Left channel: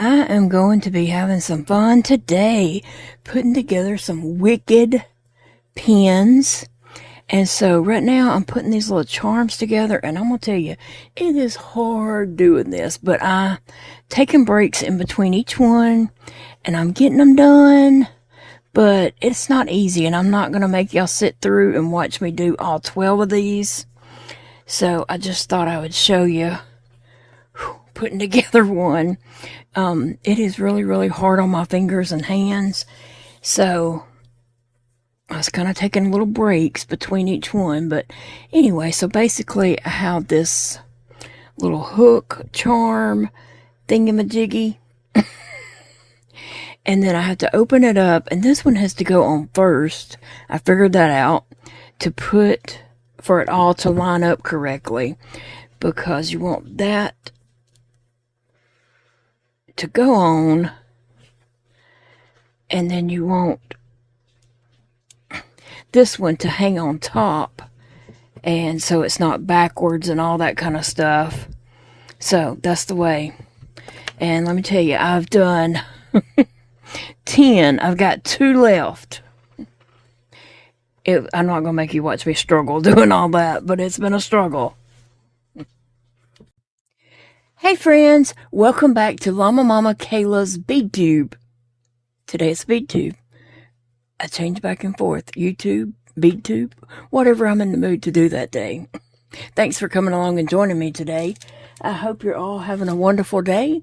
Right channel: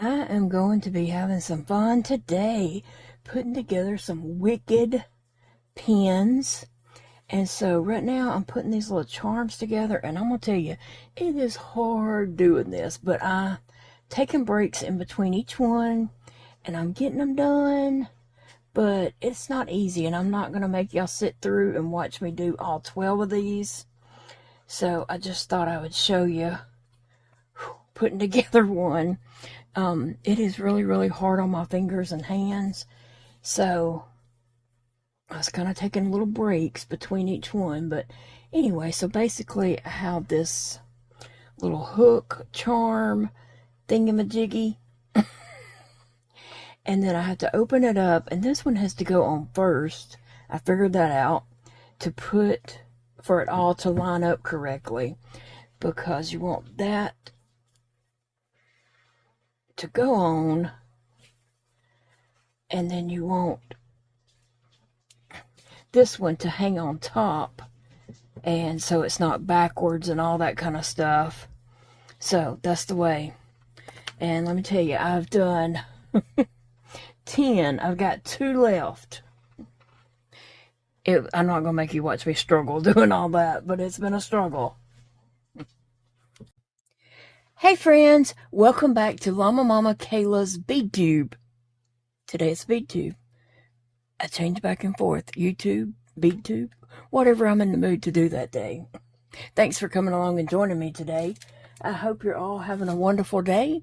I am going to be having some fun today, putting together some wicked pins. And so right now I'm putting these little charms together, and I'm going to tell you, it is hard doing this, but I'm taking breaks in between each one, and I'm getting them done, but it's not easy, and I'm not going to make y'all sit through and watch me do all 12 of these. So I just thought I would show you putting together one. It is really, really hard on my fingers and hands. So I was kind of taking little breaks between each one. But anyway, so basically I have this little hook charm thingamajiggy. And then I have to open it up. And this one has to go on first. I figured that out for it all to line up correctly. Because you want that to go on, and then you want this one to hang on top, and so it's not backwards and all that kind of stuff. So that's the way. And let me tell you, I've done 10. I've got 2 left. I'm not gonna make you watch me struggle doing all that, but it's been a struggle. Hey friends, welcome back to Llama Mama Kayla's Bead Tube. Today it's Bead Tube. I change back and forth, YouTube, Bead Tube, whatever I'm in the mood to do that day. Thanks for coming along and joining me today. I hope you're all having a wonderful day.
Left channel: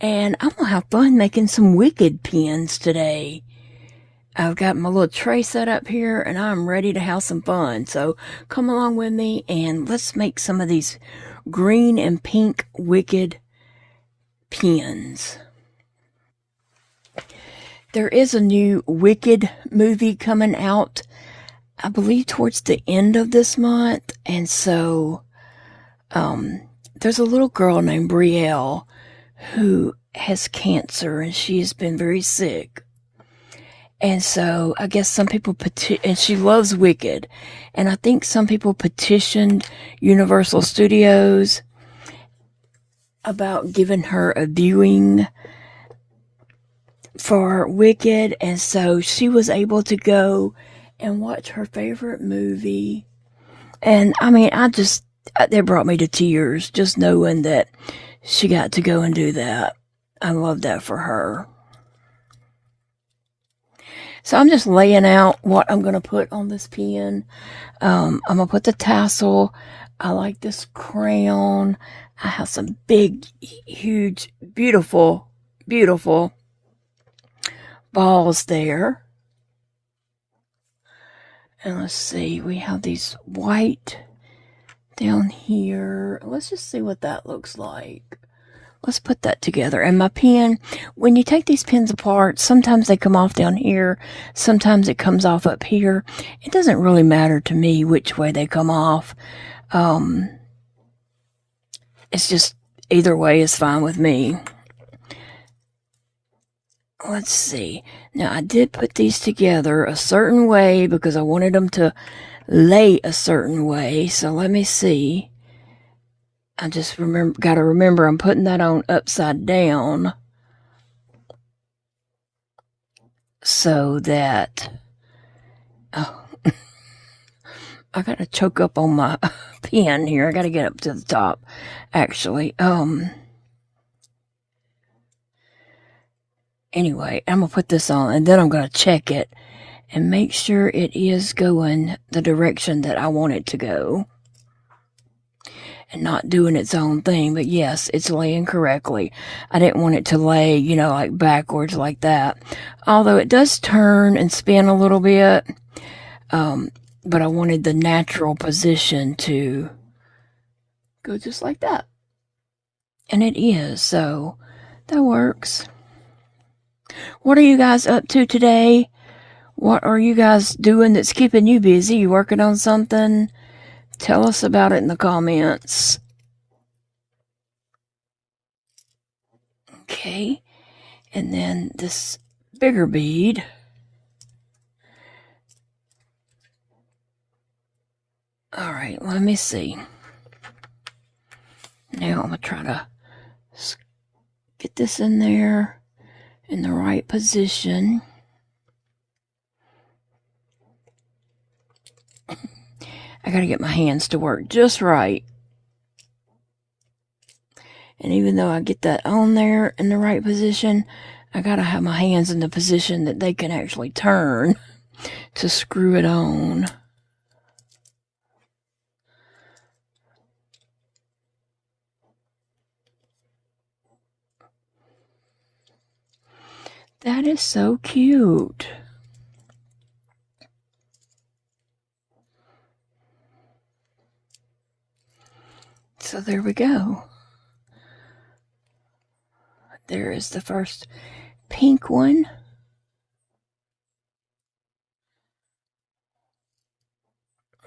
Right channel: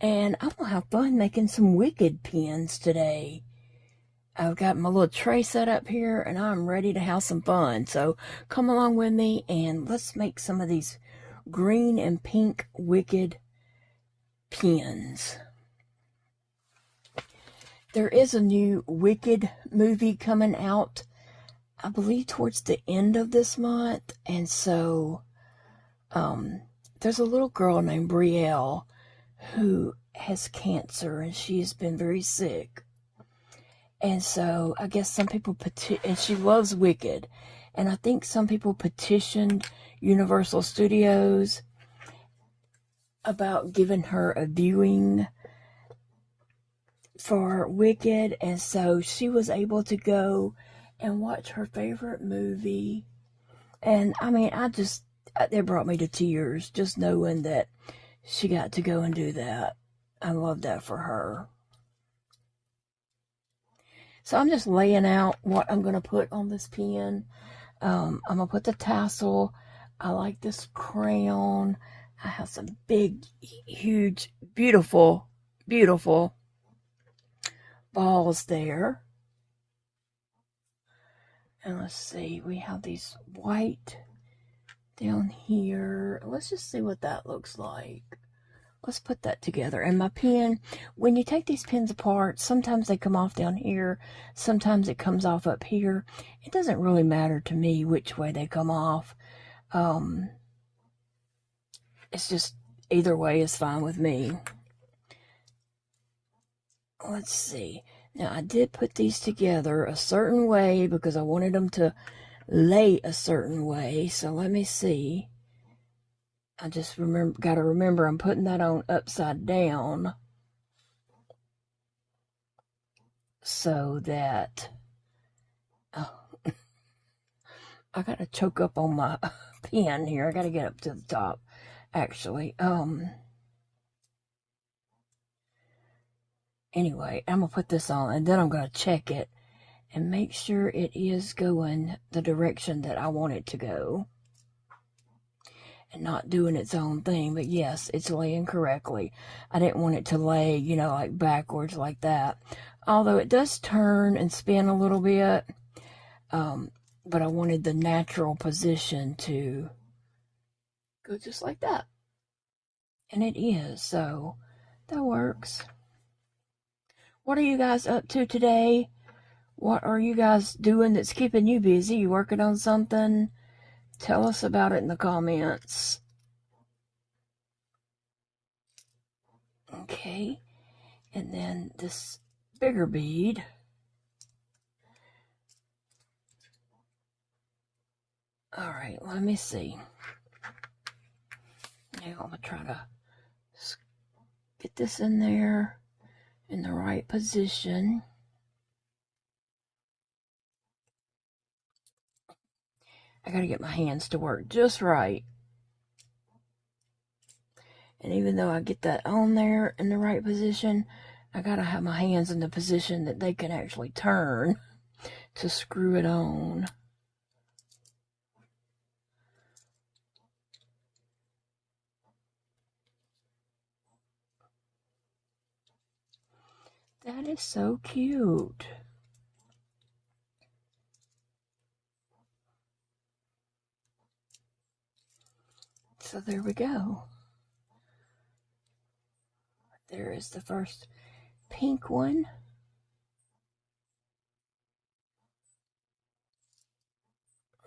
And I'm going to have fun making some wicked pins today. I've got my little tray set up here and I'm ready to have some fun. So come along with me and let's make some of these green and pink wicked pins. There is a new Wicked movie coming out, I believe towards the end of this month. And so there's a little girl named Brielle who has cancer, and she has been very sick. And so I guess some people and she loves Wicked. And I think some people petitioned Universal Studios about giving her a viewing for Wicked. And so she was able to go and watch her favorite movie. And I mean, that brought me to tears just knowing that she got to go and do that. I love that for her. So I'm just laying out what I'm going to put on this pin. I'm going to put the tassel. I like this crown. I have some big, huge, beautiful, beautiful balls there. And let's see, we have these white down here. Let's just see what that looks like. Let's put that together. And my pin, when you take these pins apart, sometimes they come off down here. Sometimes it comes off up here. It doesn't really matter to me which way they come off. It's just either way is fine with me. Let's see. Now, I did put these together a certain way because I wanted them to lay a certain way. So let me see. I just got to remember I'm putting that on upside down so that, oh, I got to choke up on my pen here. I got to get up to the top, actually. Anyway, I'm going to put this on and then I'm going to check it and make sure it is going the direction that I want it to go. And not doing its own thing, but yes, it's laying correctly. I didn't want it to lay, like backwards like that. Although it does turn and spin a little bit, but I wanted the natural position to go just like that. And it is, so that works. What are you guys up to today? What are you guys doing that's keeping you busy? You working on something? Tell us about it in the comments. Okay, and then this bigger bead. All right, let me see. Now I'm going to try to get this in there in the right position. I gotta get my hands to work just right. And even though I get that on there in the right position, I gotta have my hands in the position that they can actually turn to screw it on. That is so cute. So there we go. There is the first pink one.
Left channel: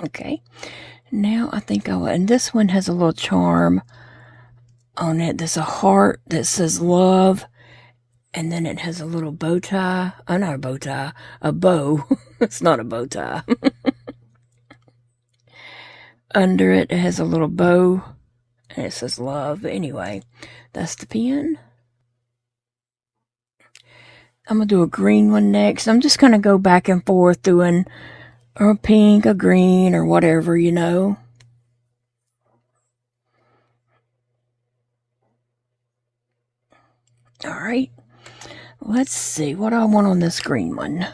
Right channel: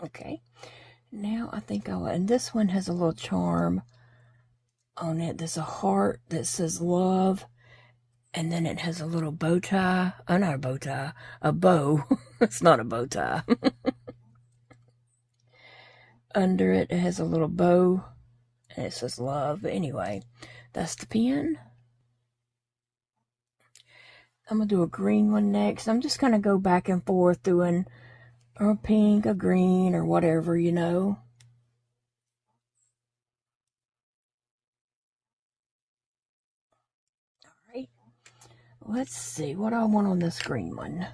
Okay, now I think I will, and this one has a little charm on it. There's a heart that says love, and then it has a little bow tie. Oh, not a bow tie, a bow. It's not a bow tie. Under it, it has a little bow, and it says love. Anyway, that's the pen. I'm going to do a green one next. I'm just going to go back and forth doing a pink, a green, or whatever, you know. All right. Let's see what I want on this green one.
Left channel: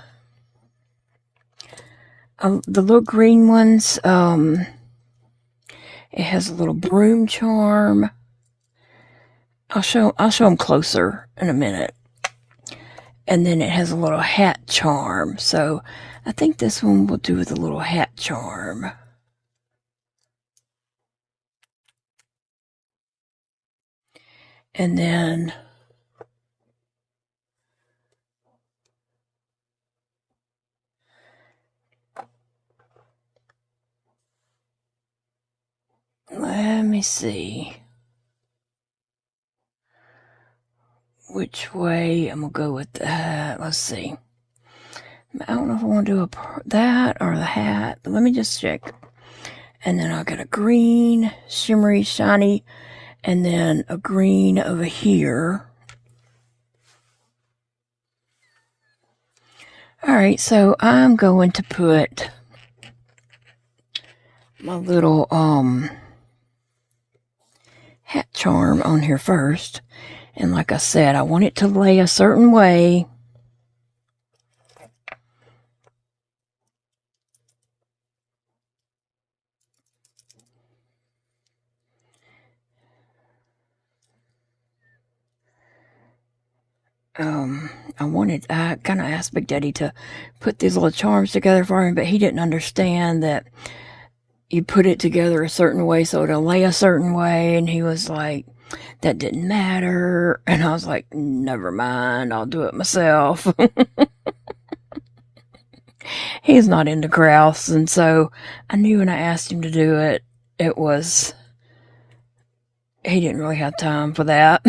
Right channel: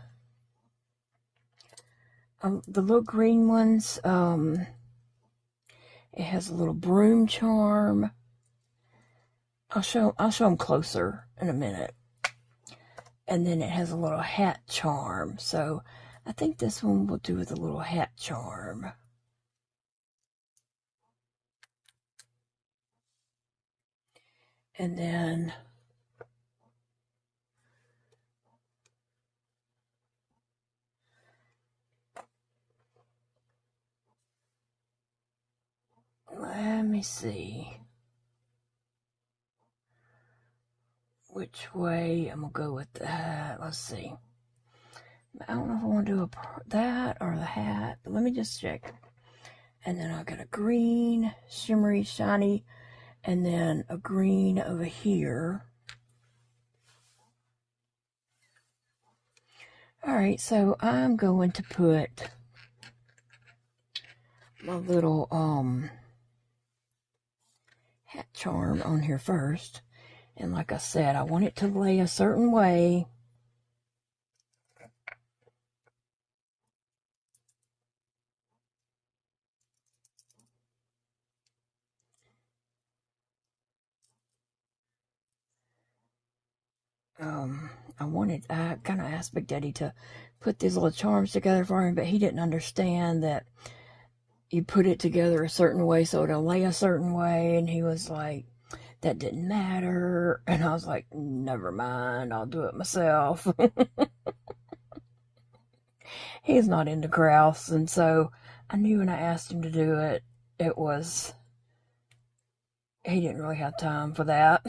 The little green ones, it has a little broom charm. I'll show them closer in a minute. And then it has a little hat charm. So I think this one will do with a little hat charm. And then let me see which way I'm going to go with that. Let's see. I don't know if I want to do that or the hat, but let me just check. And then I'll get a green, shimmery, shiny, and then a green over here. All right, so I'm going to put my little hat charm on here first. And like I said, I want it to lay a certain way. I kind of asked Big Daddy to put these little charms together for him, but he didn't understand that you put it together a certain way so it'll lay a certain way, and he was like, that didn't matter. And I was like, never mind, I'll do it myself. He's not into crafts, and so I knew when I asked him to do it, he didn't really have time for that.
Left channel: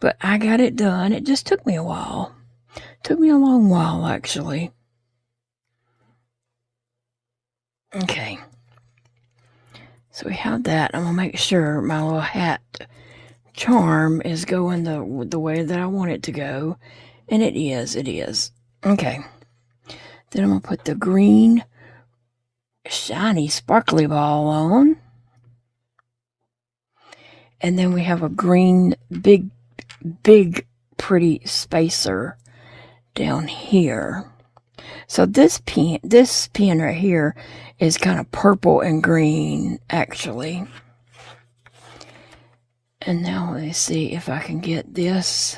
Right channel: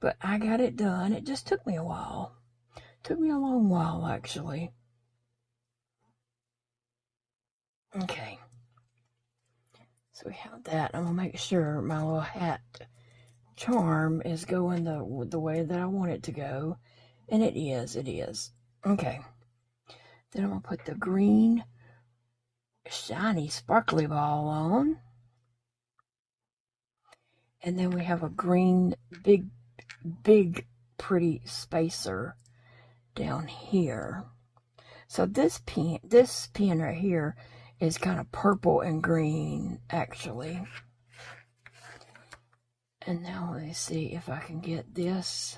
But I got it done. It just took me a while. Took me a long while, actually. Okay. So we have that. I'm going to make sure my little hat charm is going the way that I want it to go. And it is. It is. Okay. Then I'm going to put the green, shiny, sparkly ball on. And then we have a green, big, pretty spacer down here. So this pen right here is kind of purple and green, actually. And now let me see if I can get this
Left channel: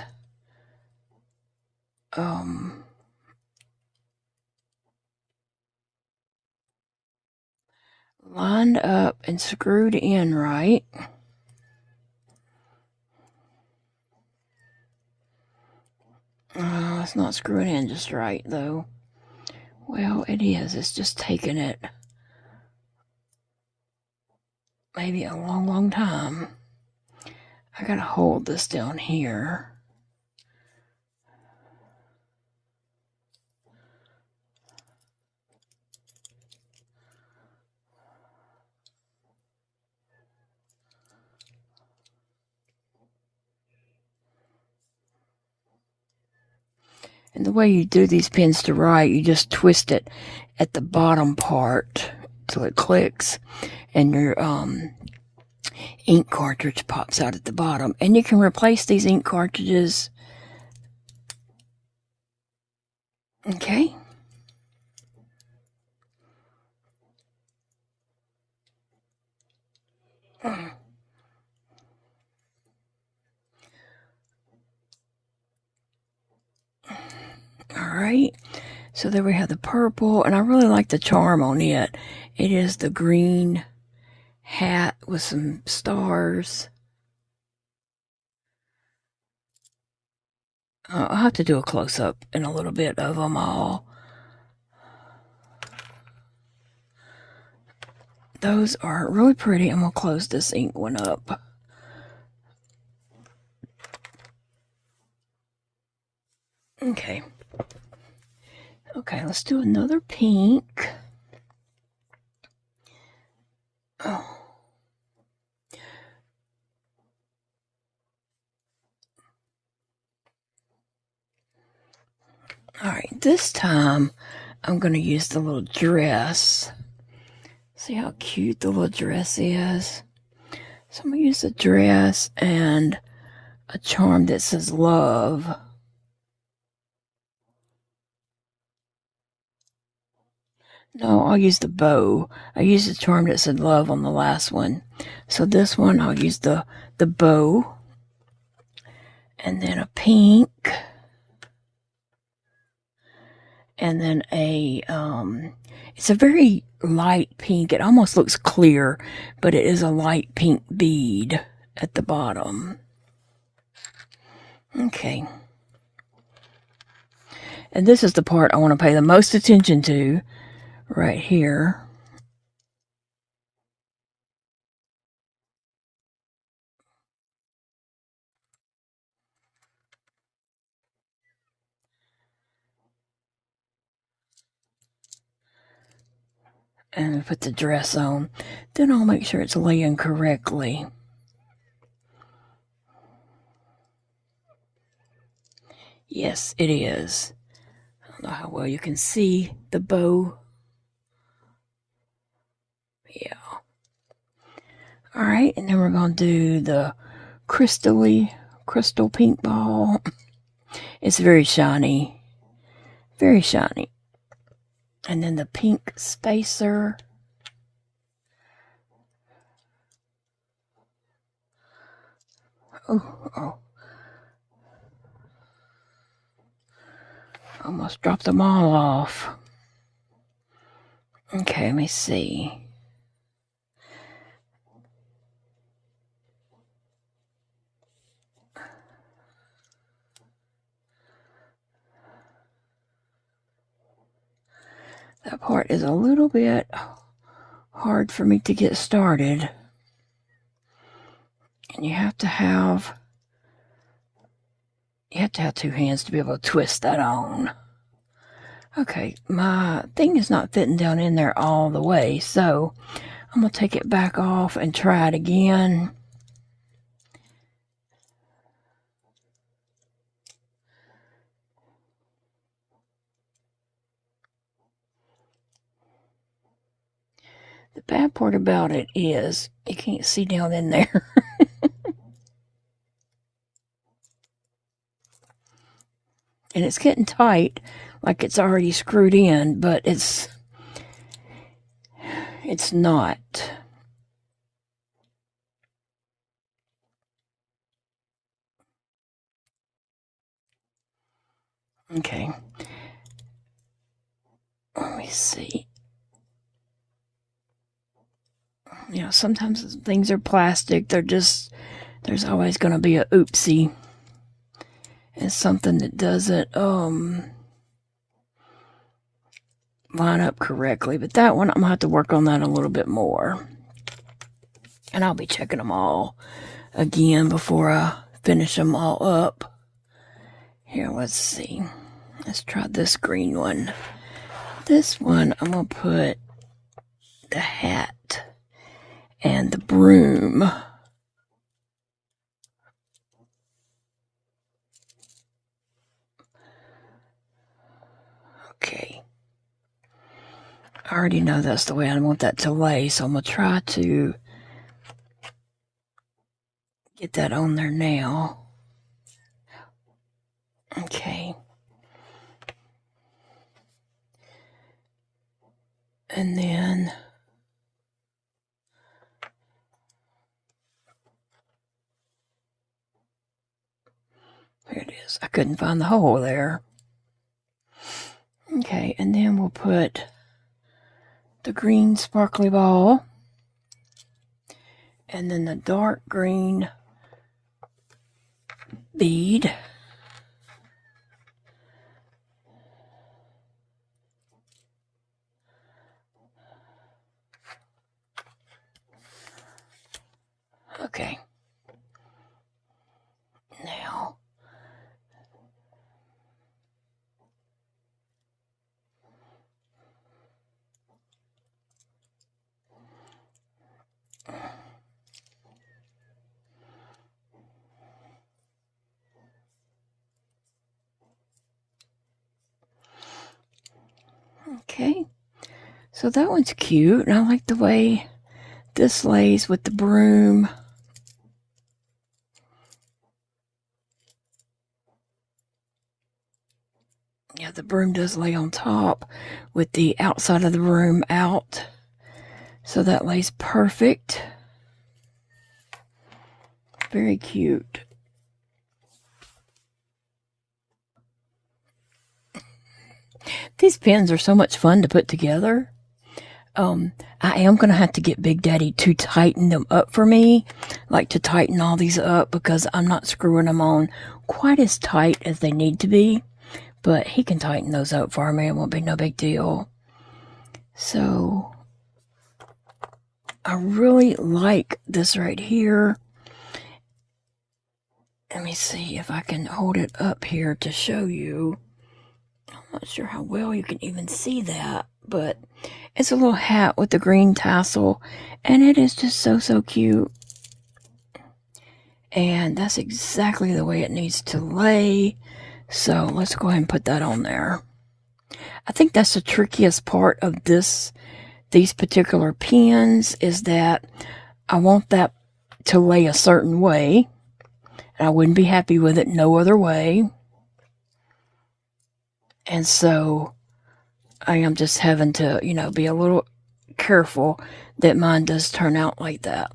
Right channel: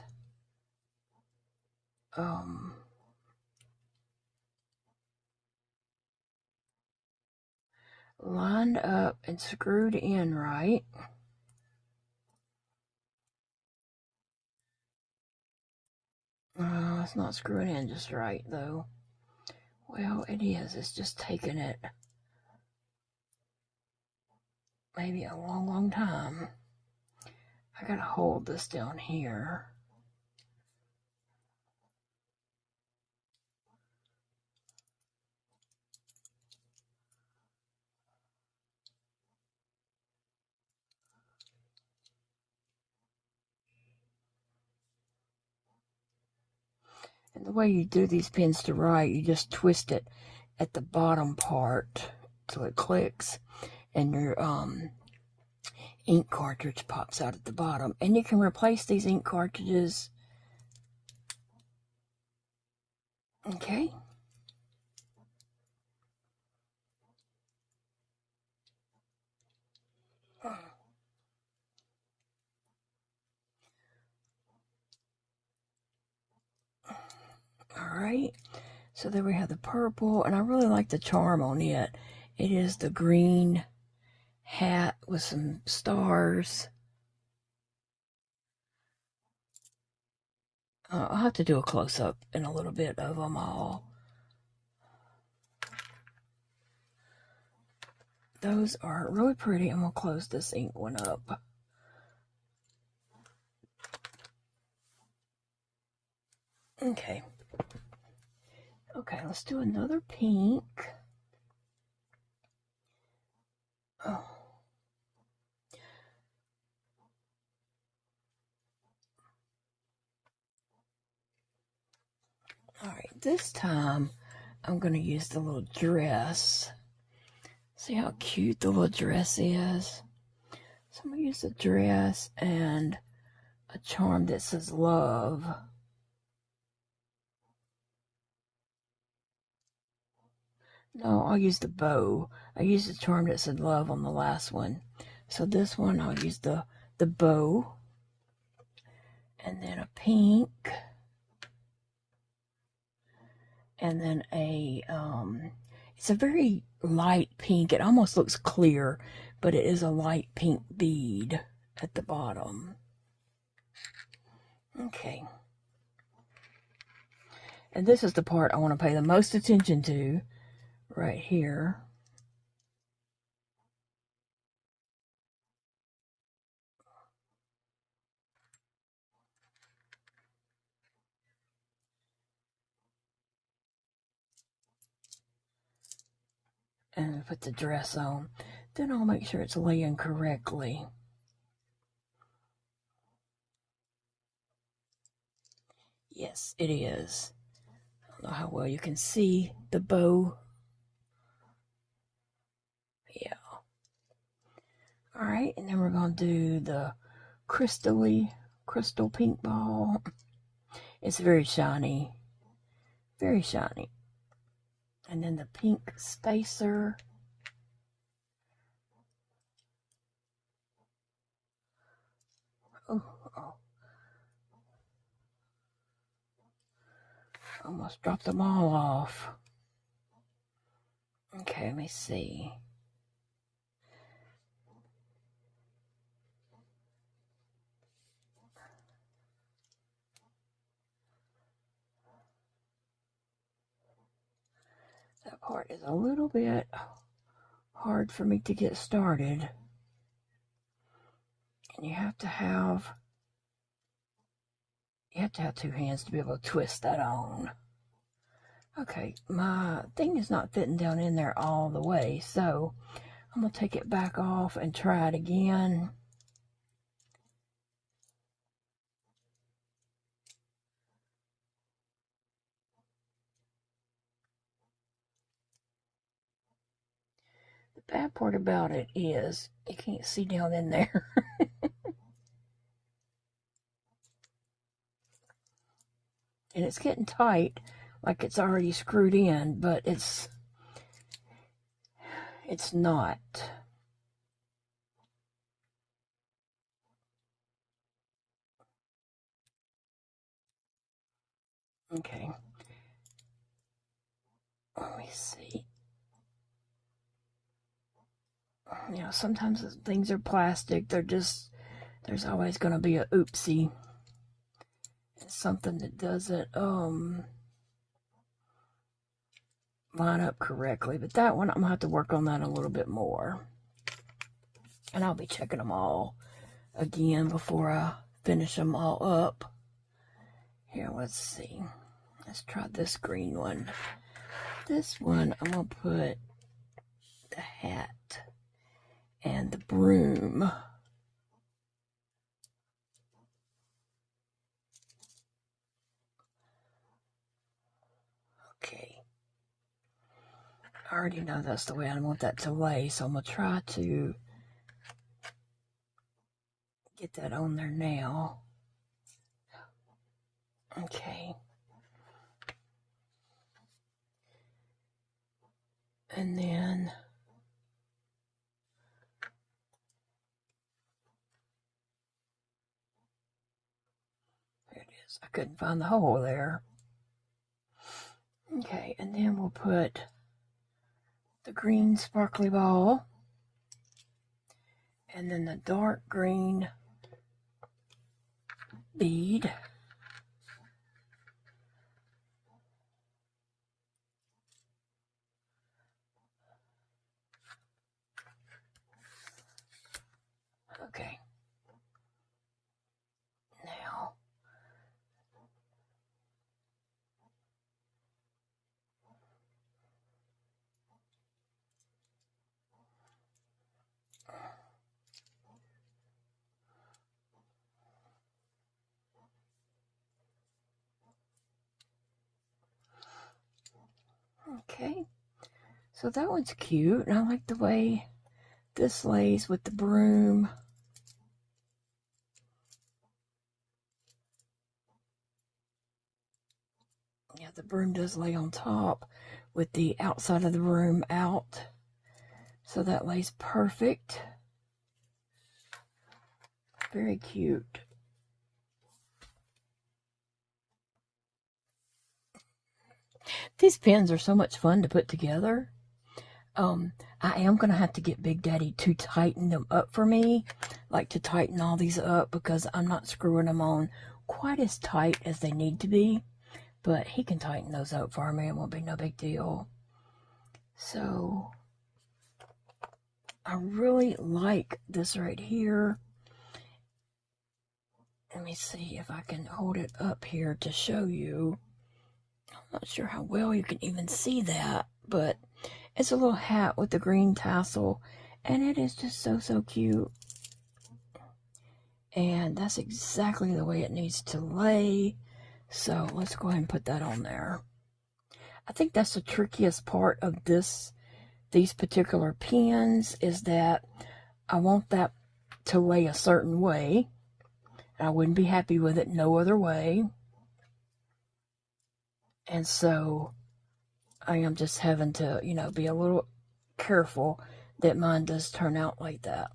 lined up and screwed in right. It's not screwing in just right, though. Well, it is. It's just taking it maybe a long time. I gotta hold this down here. And the way you do these pins to write, you just twist it at the bottom part till it clicks, and your ink cartridge pops out at the bottom. And you can replace these ink cartridges. Okay. Alright, so there we have the purple, and I really like the charm on it. It is the green hat with some stars. I'll have to do a close-up in a little bit of them all. Those are really pretty. I'm going to close this ink one up. Okay. Okay, let's do another pink. Oh. Alright, this time I'm going to use the little dress. See how cute the little dress is? So I'm going to use the dress and a charm that says love. No, I'll use the bow. I used the charm that said love on the last one. So this one, I'll use the bow. And then a pink. And then it's a very light pink. It almost looks clear, but it is a light pink bead at the bottom. Okay. And this is the part I want to pay the most attention to. Right here. And put the dress on. Then I'll make sure it's laying correctly. Yes, it is. I don't know how well you can see the bow. Yeah. Alright, and then we're going to do the crystal pink ball. It's very shiny. Very shiny. And then the pink spacer. Oh. Almost dropped them all off. Okay, let me see. That part is a little bit hard for me to get started. And you have to have two hands to be able to twist that on. Okay, my thing is not fitting down in there all the way, so I'm going to take it back off and try it again. The bad part about it is you can't see down in there. And it's getting tight, like it's already screwed in, but it's not. Okay. Let me see. You know, sometimes things are plastic. There's always going to be a oopsie. And something that doesn't line up correctly. But that one, I'm going to have to work on that a little bit more. And I'll be checking them all again before I finish them all up. Here, let's see. Let's try this green one. This one, I'm going to put the hat and the broom. already know that's the way I want that to lay, so I'm going to try to get that on there now. Okay. And then there it is. I couldn't find the hole there. Okay, and then we'll put the green sparkly ball and then the dark green bead. Okay. Now, okay, so that one's cute, and I like the way this lays with the broom. Yeah, the broom does lay on top with the outside of the broom out. So that lays perfect. Very cute. These pins are so much fun to put together. I am going to have to get Big Daddy to tighten them up for me. Like to tighten all these up because I'm not screwing them on quite as tight as they need to be. But he can tighten those up for me. It won't be no big deal. So I really like this right here. Let me see if I can hold it up here to show you. I'm not sure how well you can even see that, but it's a little hat with the green tassel, and it is just so cute. And that's exactly the way it needs to lay. So let's go ahead and put that on there. I think that's the trickiest part of these particular pins, is that I want that to lay a certain way. And I wouldn't be happy with it no other way. And so I am just having to, be a little careful that mine does turn out like that,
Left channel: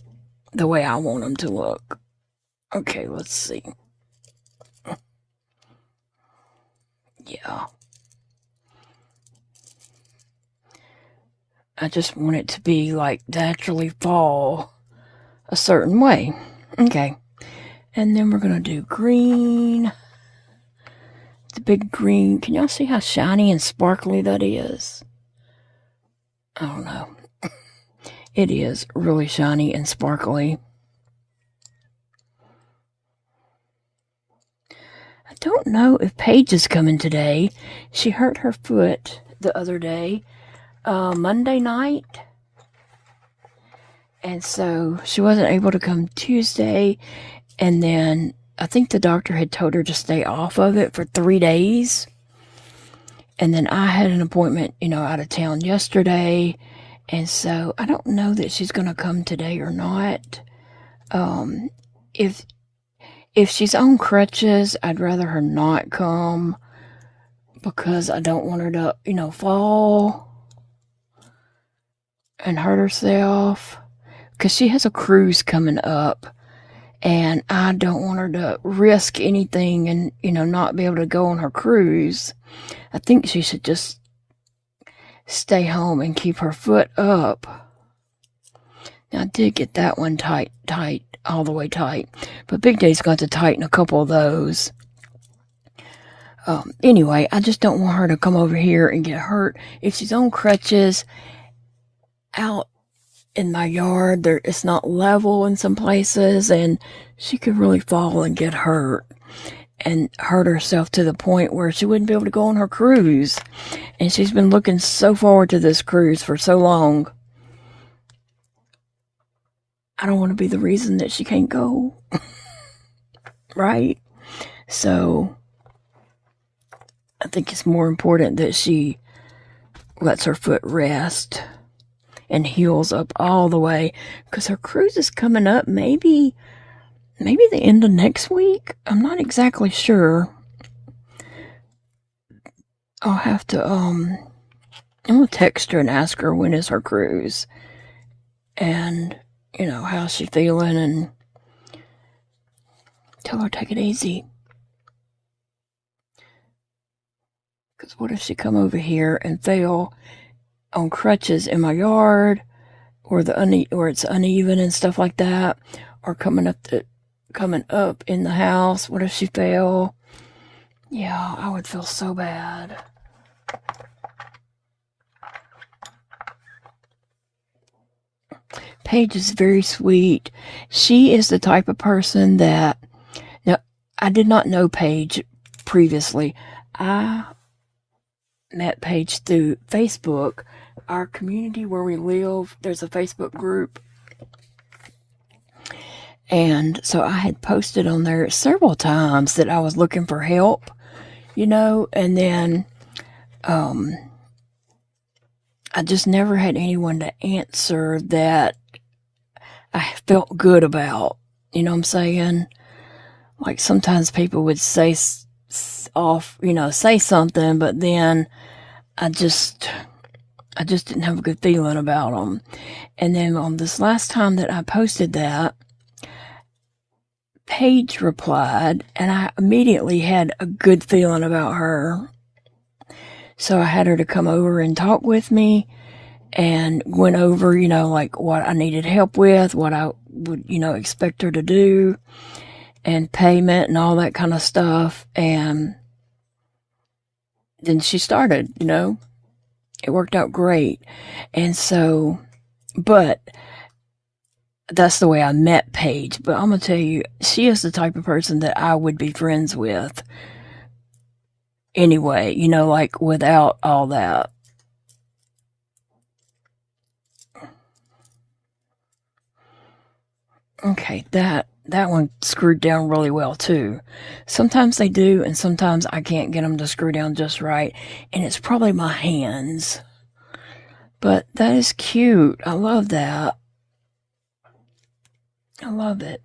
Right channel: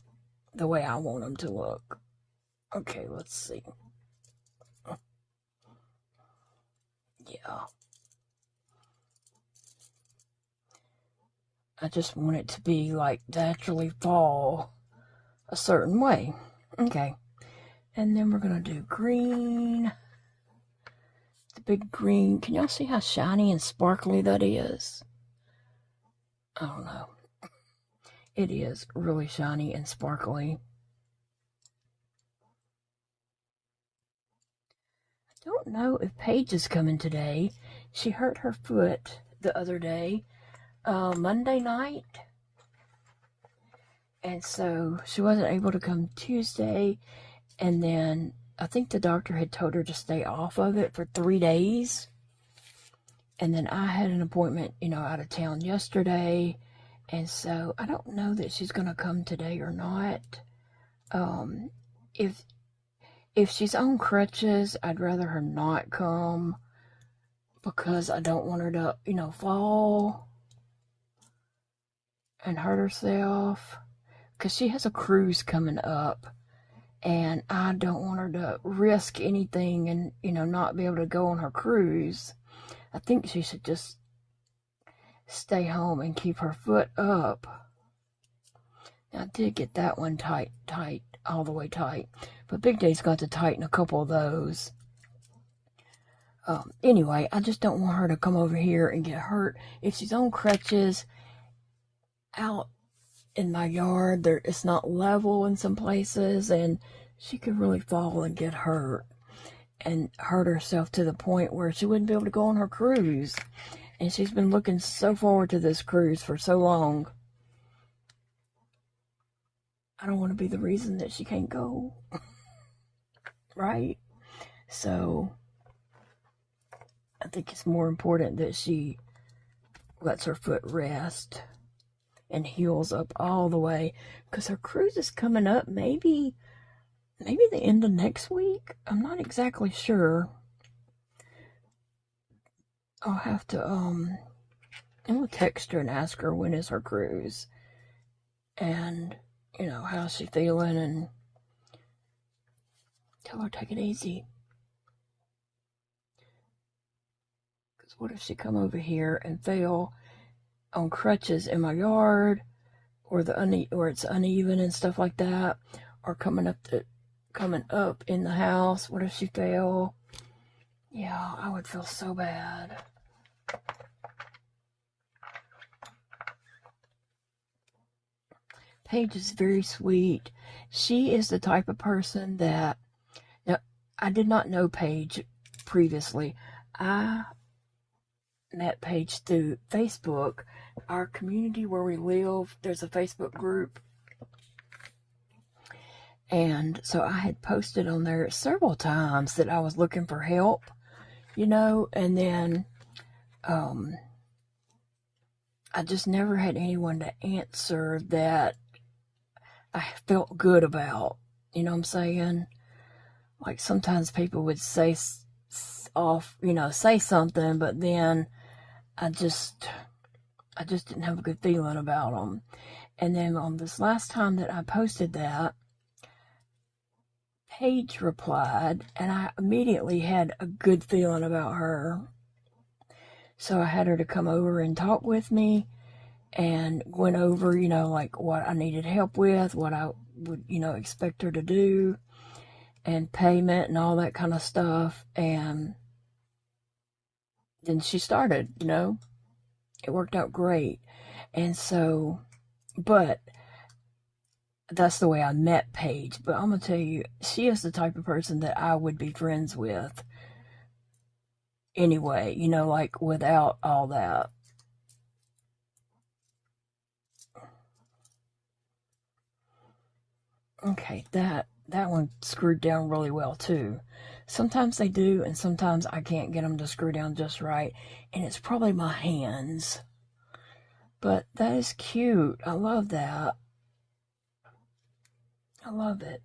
the way I want them to look. Okay, let's see. Yeah. I just want it to be like naturally fall a certain way. Okay. And then we're going to do green. The big green. Can y'all see how shiny and sparkly that is? I don't know. It is really shiny and sparkly. I don't know if Paige is coming today. She hurt her foot the other day, Monday night. And so she wasn't able to come Tuesday. And then I think the doctor had told her to stay off of it for 3 days. And then I had an appointment, out of town yesterday. And so I don't know that she's going to come today or not. If she's on crutches, I'd rather her not come because I don't want her to, fall and hurt herself. Because she has a cruise coming up. And I don't want her to risk anything and, not be able to go on her cruise. I think she should just stay home and keep her foot up. Now, I did get that one tight, all the way tight. But Big Day's got to tighten a couple of those. Anyway, I just don't want her to come over here and get hurt. If she's on crutches out in my yard, it's not level in some places, and she could really fall and get hurt and hurt herself to the point where she wouldn't be able to go on her cruise. And she's been looking so forward to this cruise for so long. I don't want to be the reason that she can't go. Right? So I think it's more important that she lets her foot rest and heals up all the way, because her cruise is coming up maybe the end of next week. I'm not exactly sure. I'll have to I'm gonna text her and ask her when is her cruise, and how's she feeling, and tell her take it easy. Because what if she come over here and fell on crutches in my yard, or it's uneven and stuff like that, or coming up in the house? What if she fell? Yeah, I would feel so bad. Paige is very sweet. She is the type of person that, now, I did not know Paige previously. I met Paige through Facebook. Our community where we live, there's a Facebook group. And so I had posted on there several times that I was looking for help, and then I just never had anyone to answer that I felt good about. You know what I'm saying? Like sometimes people would say say something, but then I just didn't have a good feeling about them. And then on this last time that I posted that, Paige replied, and I immediately had a good feeling about her. So I had her to come over and talk with me, and went over, like what I needed help with, what I would, expect her to do, and payment and all that kind of stuff. And then she started, it worked out great. And so, but that's the way I met Paige. But I'm going to tell you, she is the type of person that I would be friends with anyway, like without all that. Okay, that one screwed down really well too. Sometimes they do, and sometimes I can't get them to screw down just right, and it's probably my hands. But that is cute. I love that. I love it.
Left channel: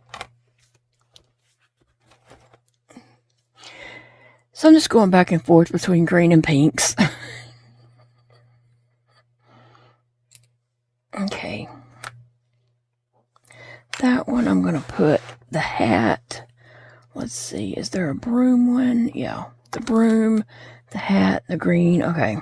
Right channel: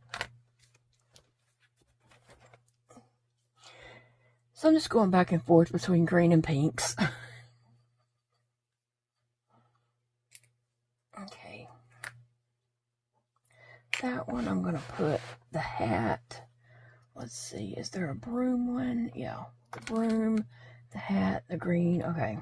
So I'm just going back and forth between green and pinks. Okay. That one I'm going to put the hat. Let's see, is there a broom one? Yeah, the broom, the hat, the green. Okay.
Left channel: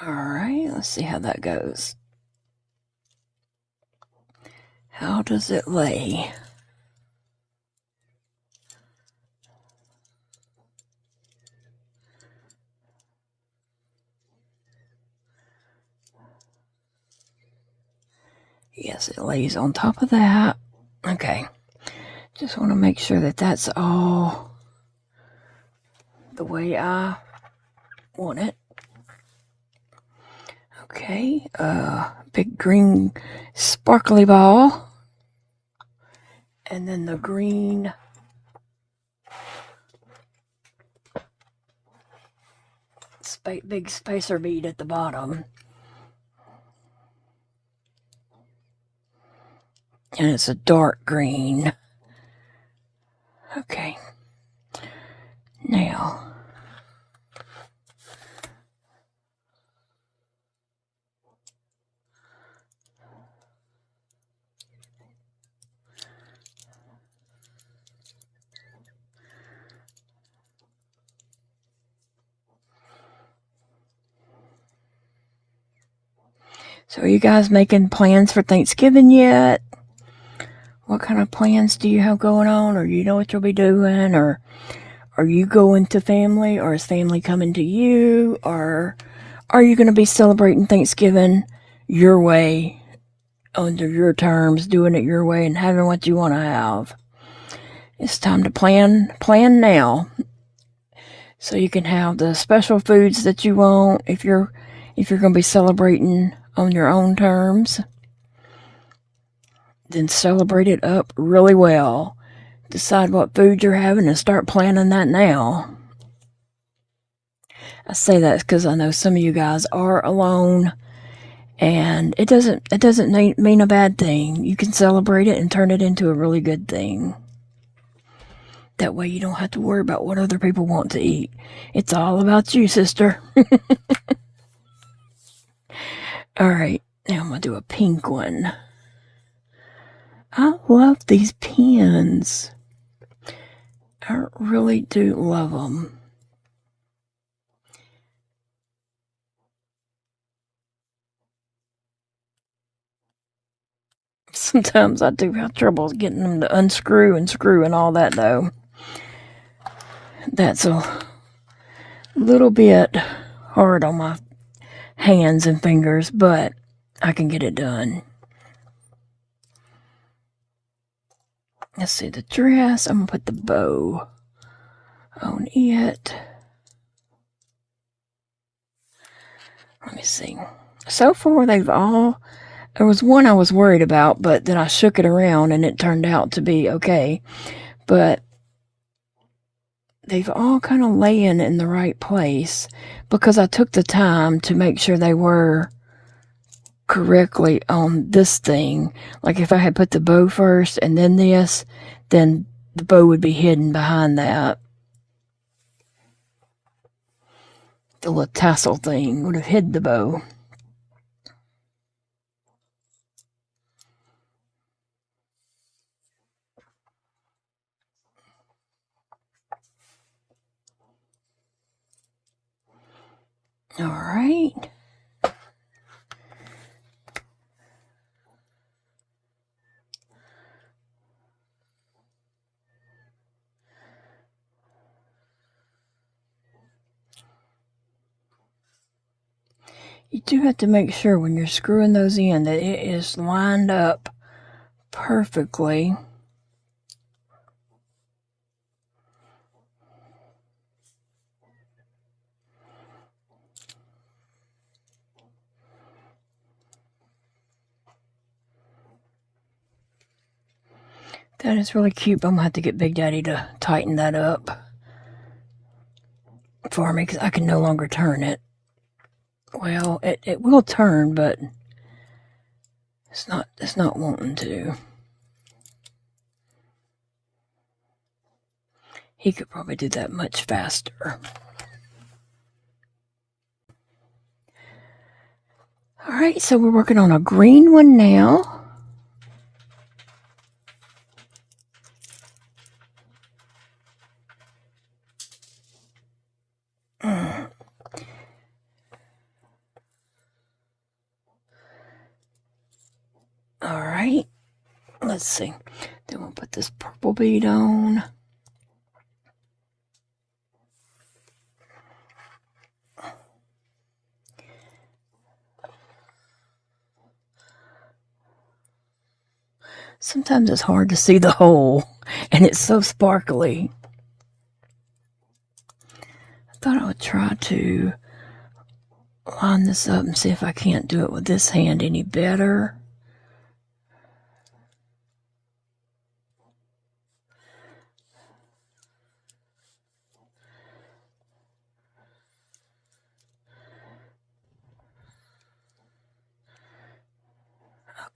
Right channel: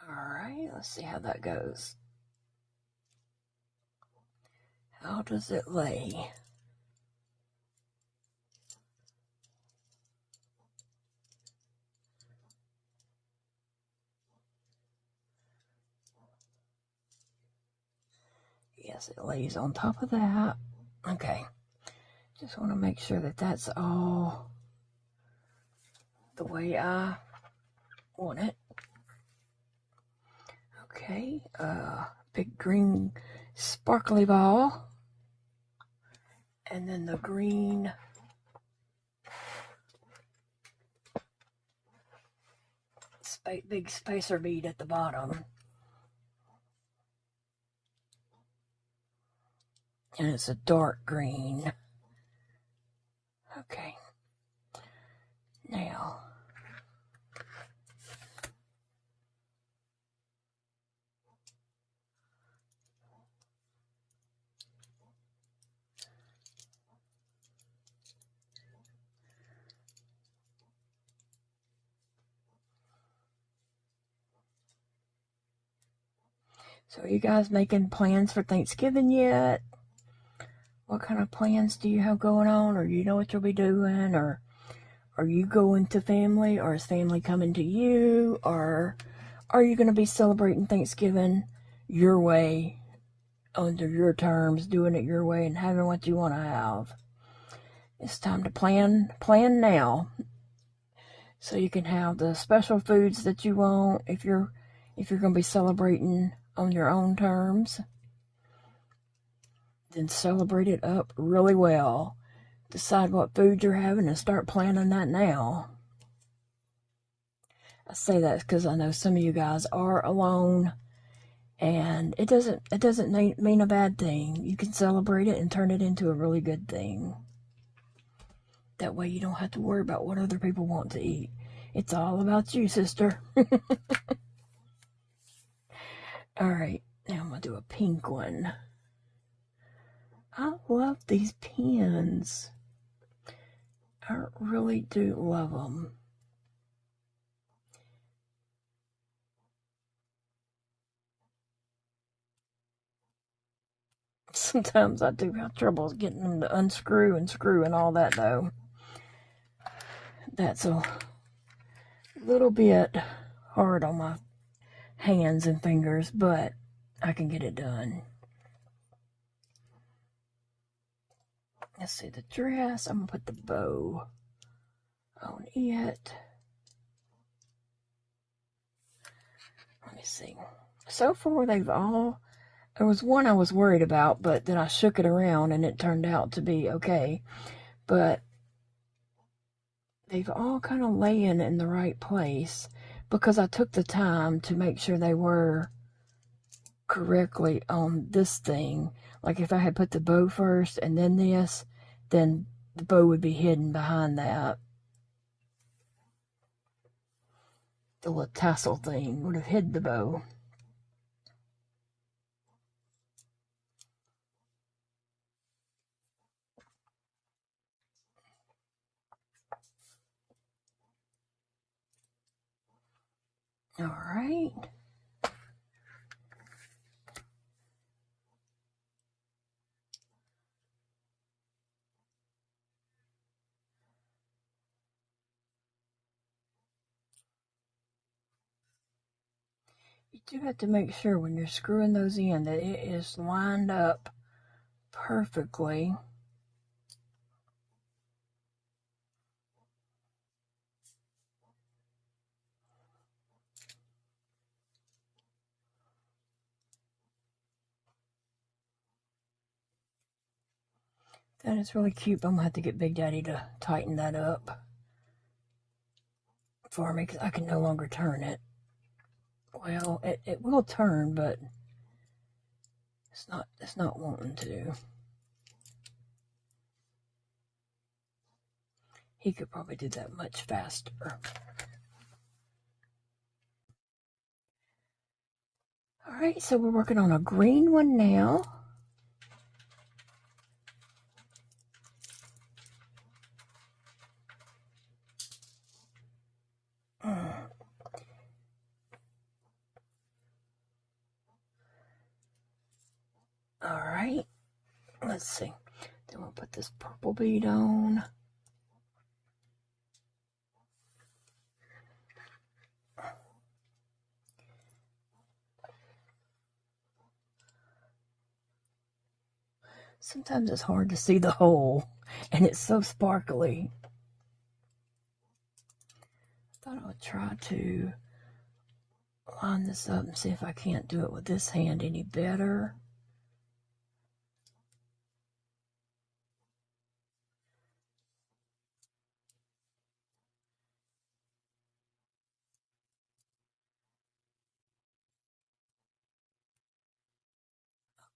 All right, let's see how that goes. How does it lay? Yes, it lays on top of that. Okay, just want to make sure that that's all the way I want it. Okay, big green sparkly ball. And then the green big spacer bead at the bottom. And it's a dark green. Okay. Now, so are you guys making plans for Thanksgiving yet? What kind of plans do you have going on? Or you know what you'll be doing? Or are you going to family? Or is family coming to you? Or are you going to be celebrating Thanksgiving your way, under your terms, doing it your way, and having what you want to have? It's time to plan now. So you can have the special foods that you want if you're going to be celebrating on your own terms. Then celebrate it up really well. Decide what food you're having and start planning that now. I say that because I know some of you guys are alone, and it doesn't mean a bad thing. You can celebrate it and turn it into a really good thing. That way you don't have to worry about what other people want to eat. It's all about you, sister. All right, now I'm going to do a pink one. I love these pins. I really do love them. Sometimes I do have trouble getting them to unscrew and screw and all that, though. That's a little bit hard on my hands and fingers, but I can get it done. Let's see, the dress, I'm going to put the bow on it. Let me see. So far, they've all... There was one I was worried about, but then I shook it around and it turned out to be okay. But they've all kind of laying in the right place because I took the time to make sure they were correctly on this thing. Like if I had put the bow first and then this, then the bow would be hidden behind that. The little tassel thing would have hid the bow. All right. You do have to make sure when you're screwing those in that it is lined up perfectly. That is really cute, but I'm going to have to get Big Daddy to tighten that up for me because I can no longer turn it. Well, it will turn, but it's not wanting to. He could probably do that much faster. All right, so we're working on a green one now. All right, let's see. Then we'll put this purple bead on. Sometimes it's hard to see the hole, and it's so sparkly. I thought I would try to line this up and see if I can't do it with this hand any better.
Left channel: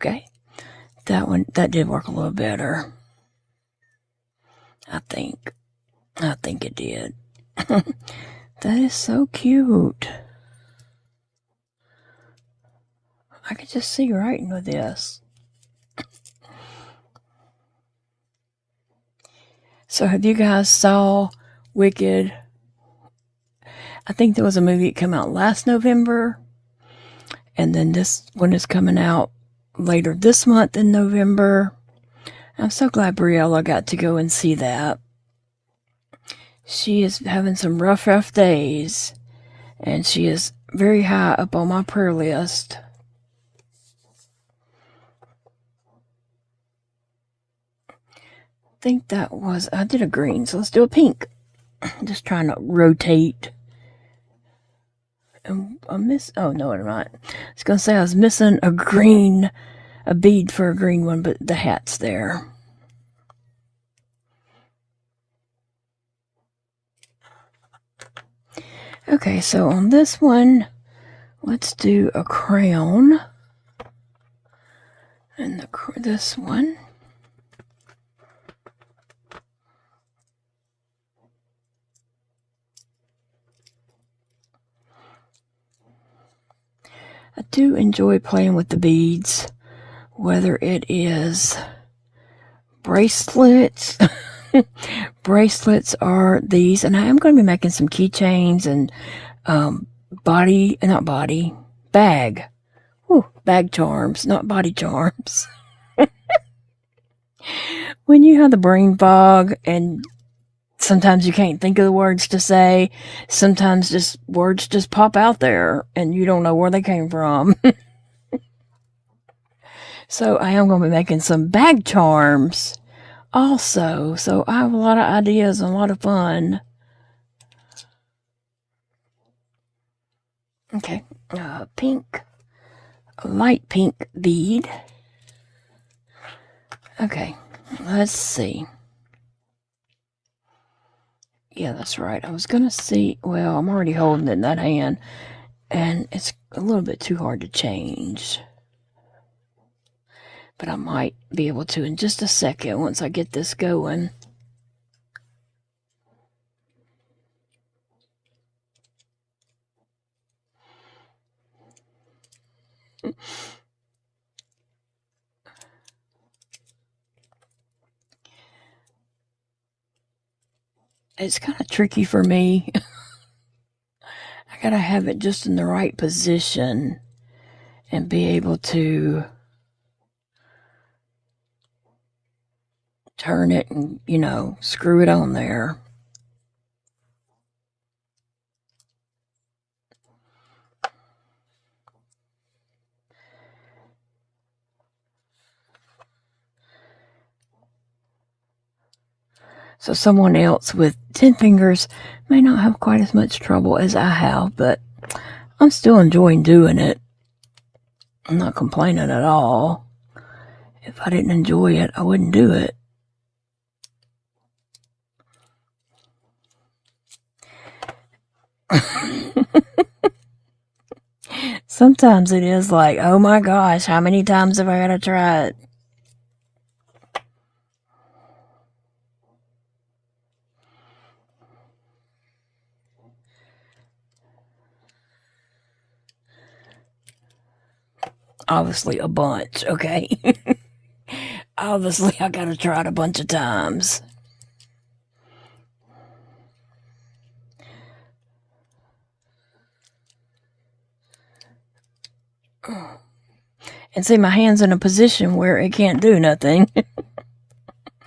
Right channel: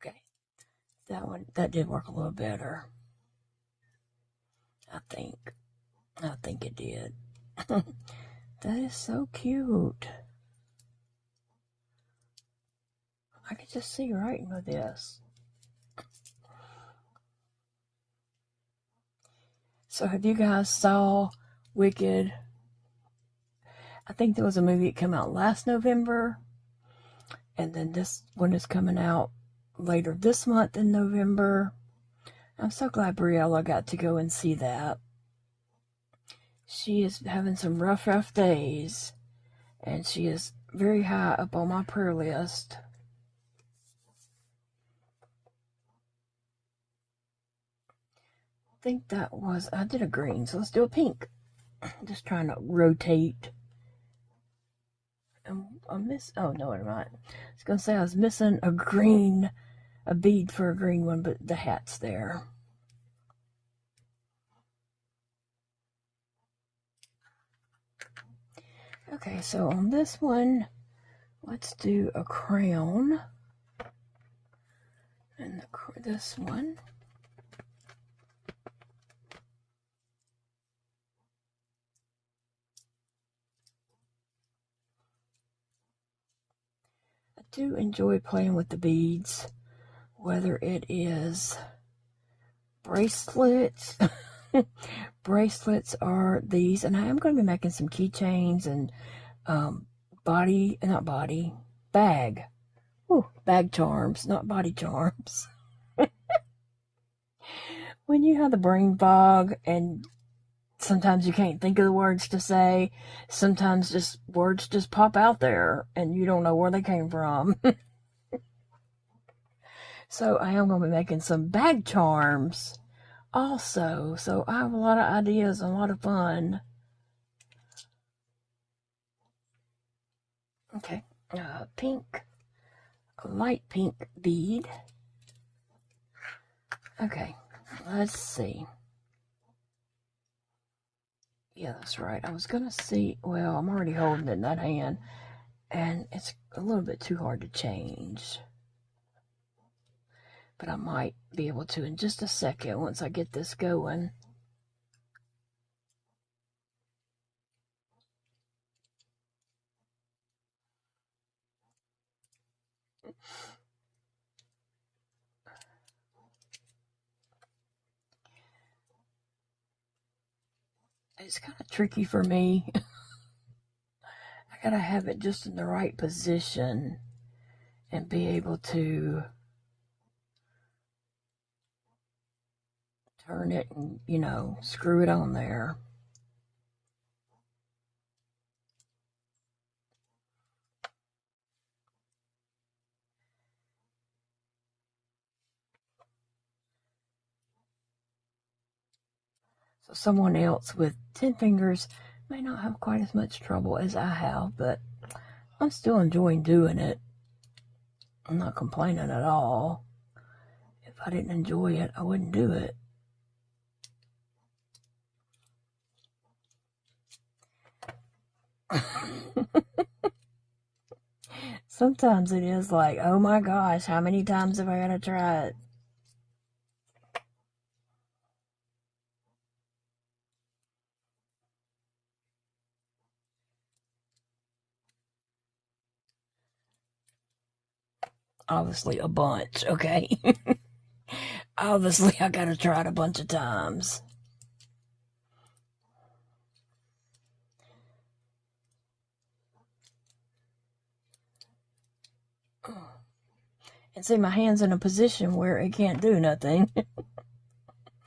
Okay, that did work a little better. I think it did. That is so cute. I could just see writing with this. So have you guys saw Wicked? I think there was a movie that came out last November, and then this one is coming out later this month in November. I'm so glad Briella got to go and see that. She is having some rough days, and she is very high up on my prayer list. think that was, I did a green, so let's do a pink. Just trying to rotate. And I oh no, I'm not. I was going to say I was missing a bead for a green one, but the hat's there. Okay, so on this one, let's do a crown. And this one. I do enjoy playing with the beads, whether it is bracelets. Bracelets are these, and I am going to be making some keychains and bag charms, not body charms. When you have the brain fog and sometimes you can't think of the words to say, sometimes just words just pop out there and you don't know where they came from. So I am going to be making some bag charms also. So I have a lot of ideas and a lot of fun. Okay, pink, light pink bead. Okay, let's see. Yeah, that's right. I was going to see, well, I'm already holding it in that hand, and it's a little bit too hard to change. But I might be able to in just a second once I get this going. It's kind of tricky for me. I gotta have it just in the right position and be able to turn it and, you know, screw it on there. So someone else with 10 fingers may not have quite as much trouble as I have, but I'm still enjoying doing it. I'm not complaining at all. If I didn't enjoy it, I wouldn't do it. Sometimes it is like, oh my gosh, how many times have I got to try it? Obviously a bunch, okay? Obviously I got to try it a bunch of times. And see, my hand's in a position where it can't do nothing.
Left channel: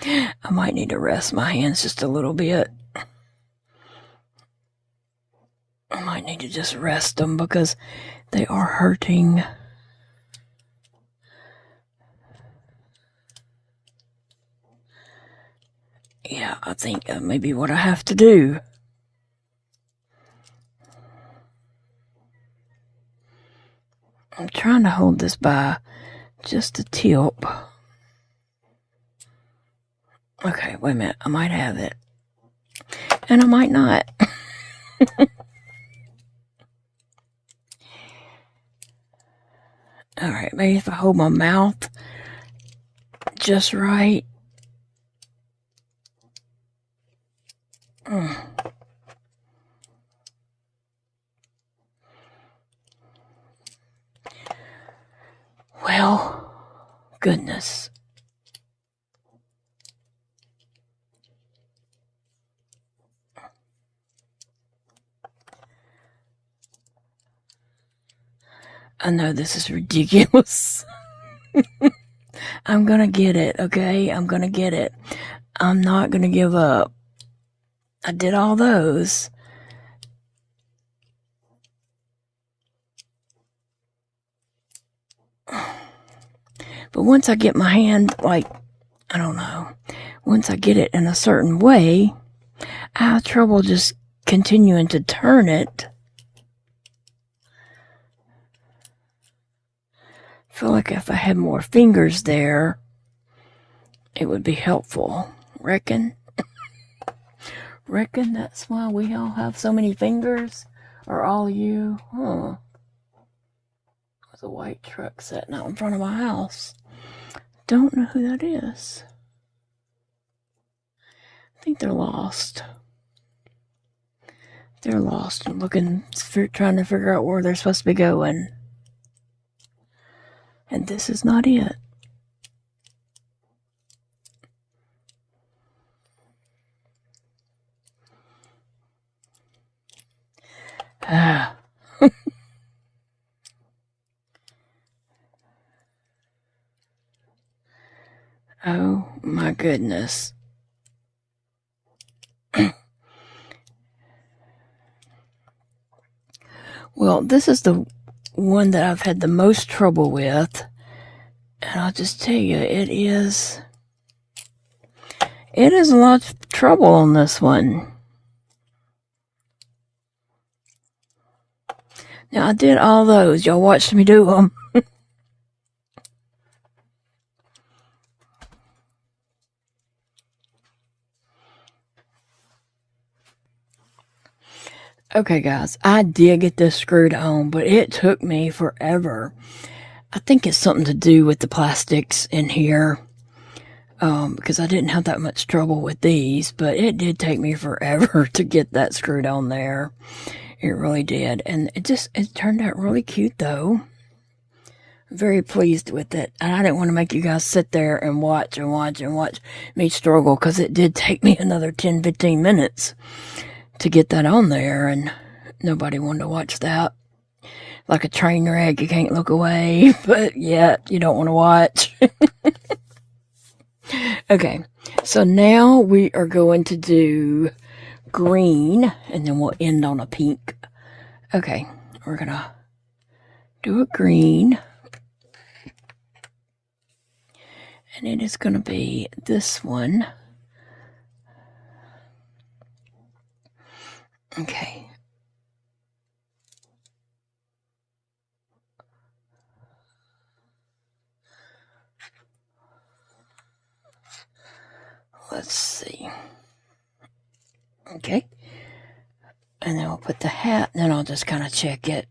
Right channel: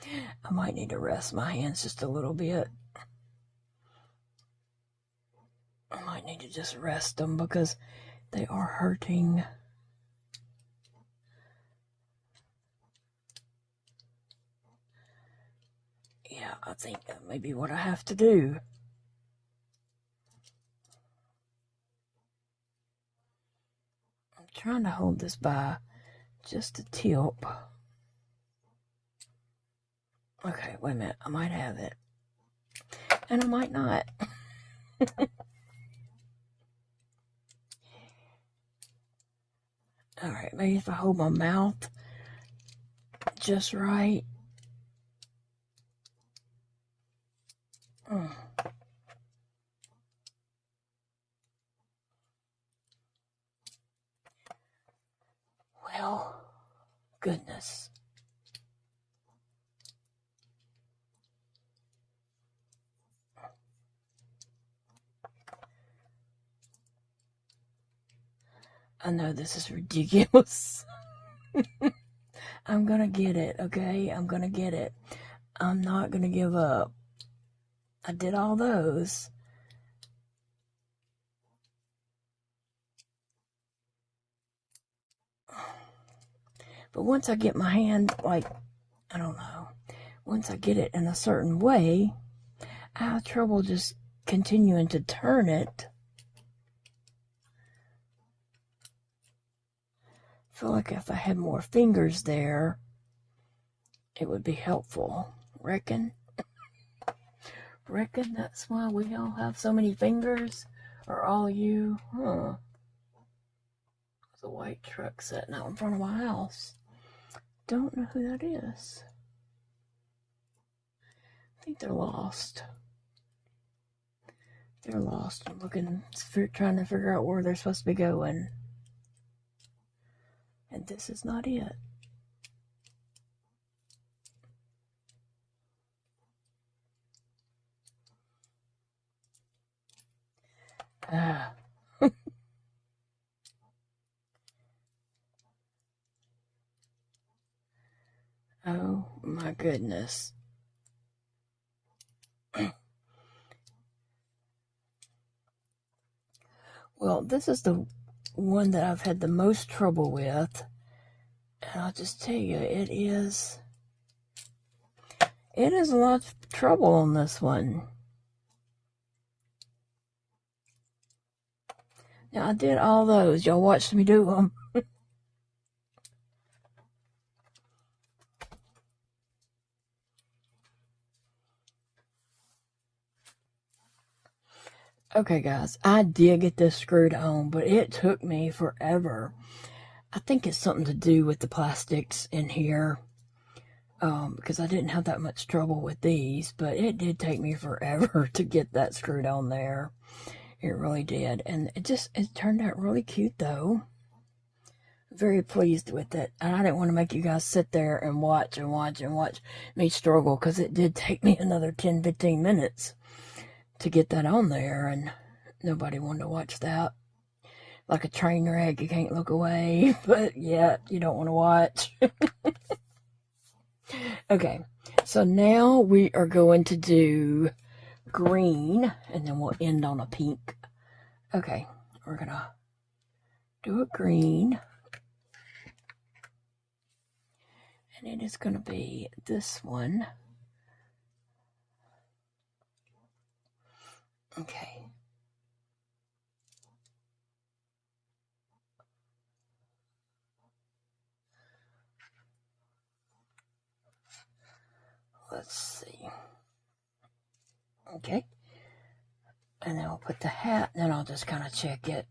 I might need to rest my hands just a little bit. I might need to just rest them because they are hurting. Yeah, I think that may be what I have to do. I'm trying to hold this by just a tip. Okay, wait a minute. I might have it. And I might not. Alright, maybe if I hold my mouth just right. Well, goodness. I know this is ridiculous. I'm gonna get it, okay? I'm gonna get it. I'm not gonna give up. I did all those. But once I get my hand, like, I don't know. once I get it in a certain way, I have trouble just continuing to turn it. I feel like if I had more fingers there, it would be helpful. Reckon? Reckon that's why we all have so many fingers? Or all you? Huh. There's a white truck sitting out in front of my house. Don't know who that is. I think they're lost. They're lost and trying to figure out where they're supposed to be going. And this is not it. Ah. Oh my goodness. Well, this is the one that I've had the most trouble with. And I'll just tell you, it is a lot of trouble on this one. Now, I did all those. Y'all watched me do them. Okay, guys, I did get this screwed on, but it took me forever. I think it's something to do with the plastics in here, because I didn't have that much trouble with these, but it did take me forever to get that screwed on there. It really did, and it turned out really cute, though. Very pleased with it, and I didn't want to make you guys sit there and watch me struggle, because it did take me another 10-15 minutes to get that on there, and nobody wanted to watch that. Like a train wreck, you can't look away, but yet you don't want to watch. Okay, so now we are going to do green, and then we'll end on a pink. Okay, we're gonna do a green, and it is gonna be this one. Okay. Let's see. Okay. And then we'll put the hat, and then I'll just kind of check it.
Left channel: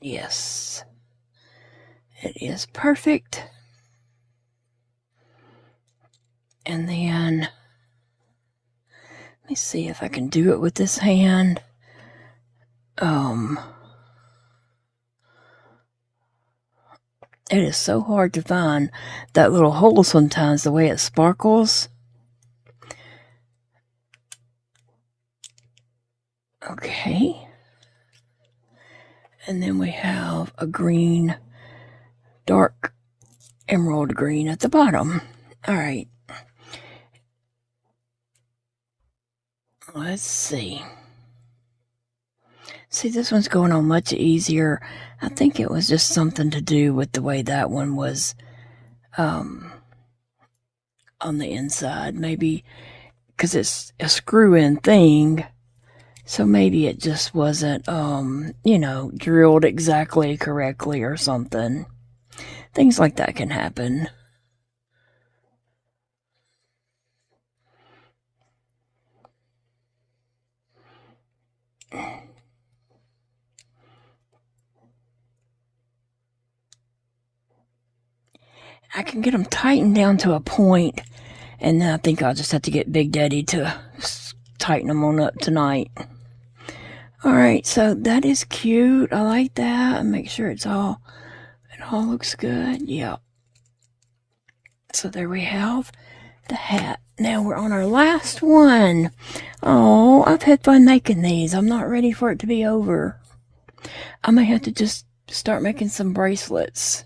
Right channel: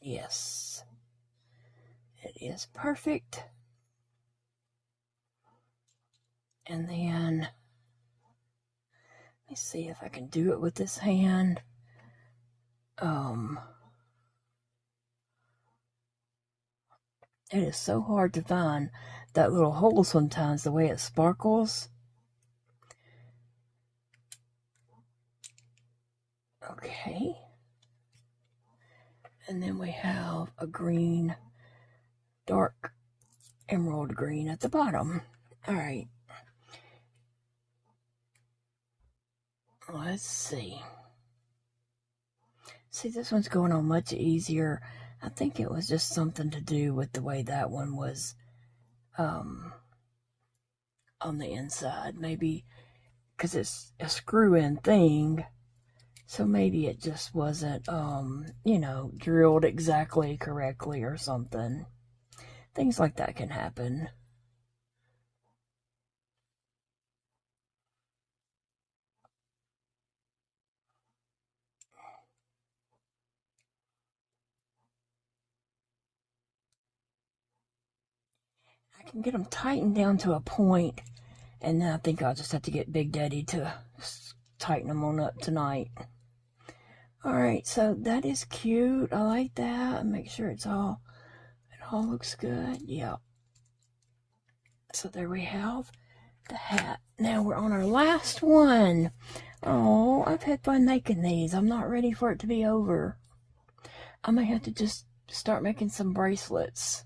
Yes. It is perfect. And then, let me see if I can do it with this hand. It is so hard to find that little hole sometimes, the way it sparkles. Okay. And then we have a green, dark emerald green at the bottom. All right. Let's see. See, this one's going on much easier. I think it was just something to do with the way that one was on the inside. Maybe because it's a screw-in thing, so maybe it just wasn't, drilled exactly correctly or something. Things like that can happen. I can get them tightened down to a point, and then I think I'll just have to get Big Daddy to tighten them on up tonight. Alright, so that is cute. I like that. Make sure it all looks good. Yeah. So there we have the hat. Now we're on our last one. Oh, I've had fun making these. I'm not ready for it to be over. I may have to just start making some bracelets.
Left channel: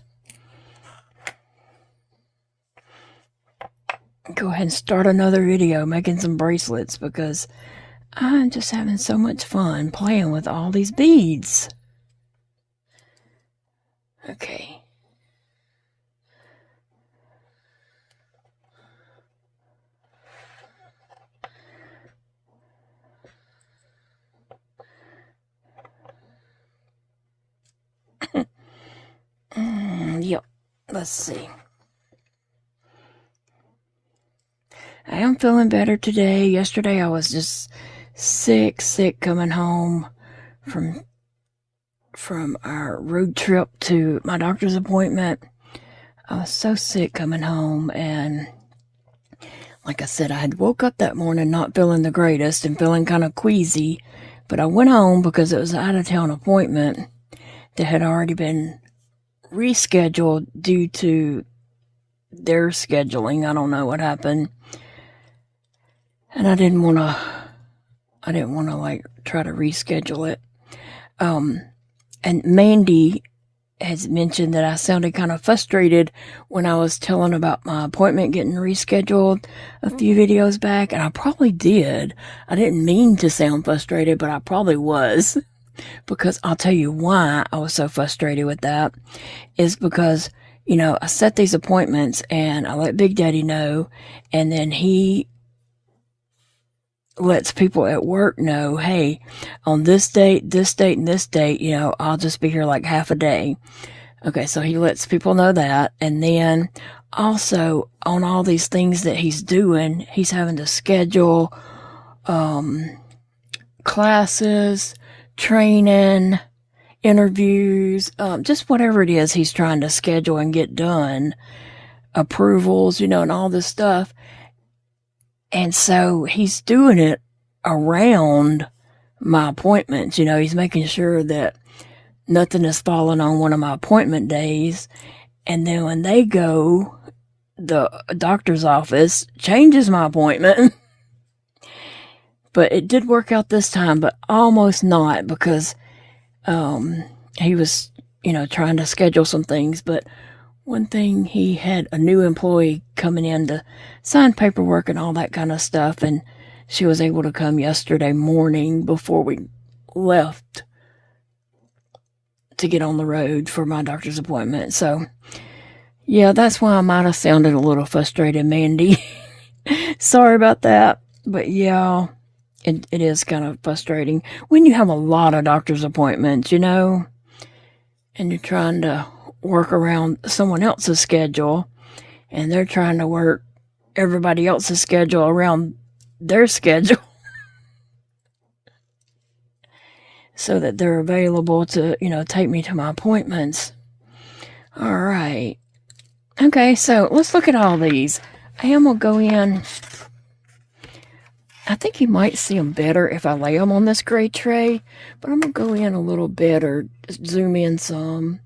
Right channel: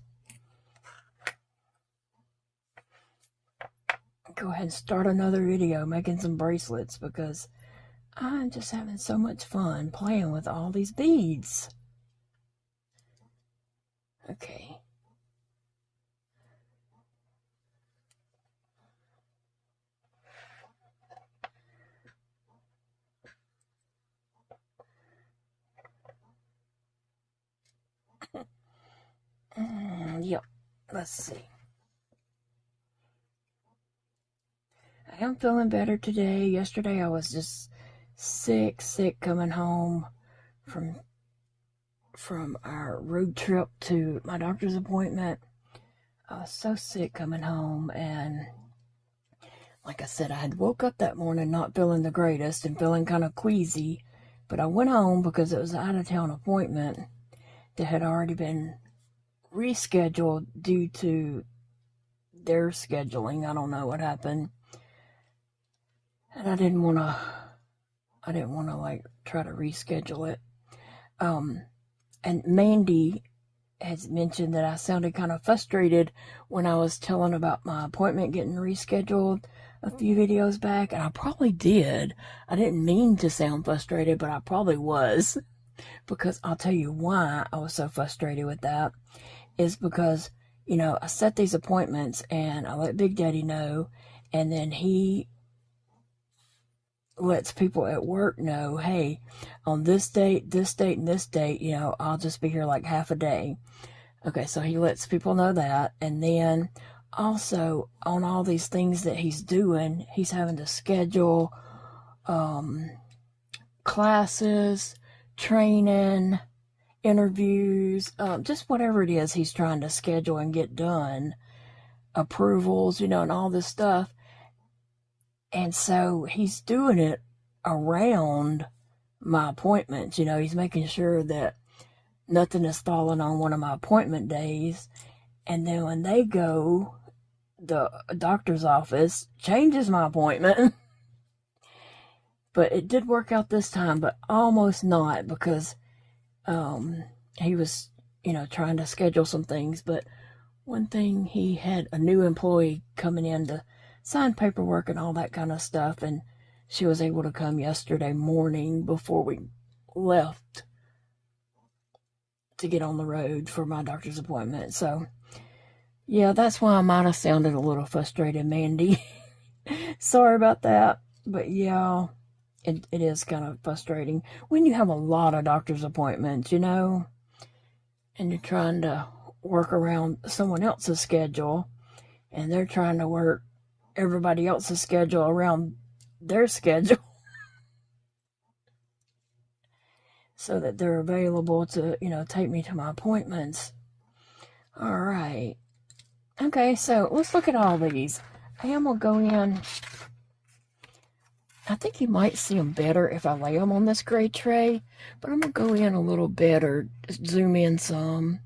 Go ahead and start another video making some bracelets, because I'm just having so much fun playing with all these beads. Okay. Yep. Let's see. I am feeling better today. Yesterday I was just sick coming home from our road trip to my doctor's appointment. I was so sick coming home, and like I said, I had woke up that morning not feeling the greatest and feeling kind of queasy, but I went home because it was an out-of-town appointment that had already been rescheduled due to their scheduling. I don't know what happened. And I didn't want to like try to reschedule it. And Mandy has mentioned that I sounded kind of frustrated when I was telling about my appointment getting rescheduled a few videos back, and I probably did. I didn't mean to sound frustrated, but I probably was. Because I'll tell you why I was so frustrated with that is because, you know, I set these appointments and I let Big Daddy know, and then he lets people at work know, hey, on this date, and this date, you know, I'll just be here like half a day. Okay, so he lets people know that. And then also on all these things that he's doing, he's having to schedule classes, training, interviews, just whatever it is he's trying to schedule and get done, approvals, you know, and all this stuff. And so he's doing it around my appointments. You know, he's making sure that nothing is falling on one of my appointment days. And then when they go, the doctor's office changes my appointment. But it did work out this time, but almost not, because he was, you know, trying to schedule some things. But one thing, he had a new employee coming in to sign paperwork and all that kind of stuff, and she was able to come yesterday morning before we left to get on the road for my doctor's appointment. So, yeah, that's why I might have sounded a little frustrated, Mandy. Sorry about that. But yeah, it is kind of frustrating when you have a lot of doctor's appointments, you know, and you're trying to work around someone else's schedule, and they're trying to work everybody else's schedule around their schedule so that they're available to, you know, take me to my appointments. All right. Okay, so let's look at all these. I am going to go in. I think you might see them better if I lay them on this gray tray, but I'm going to go in a little bit or zoom in some.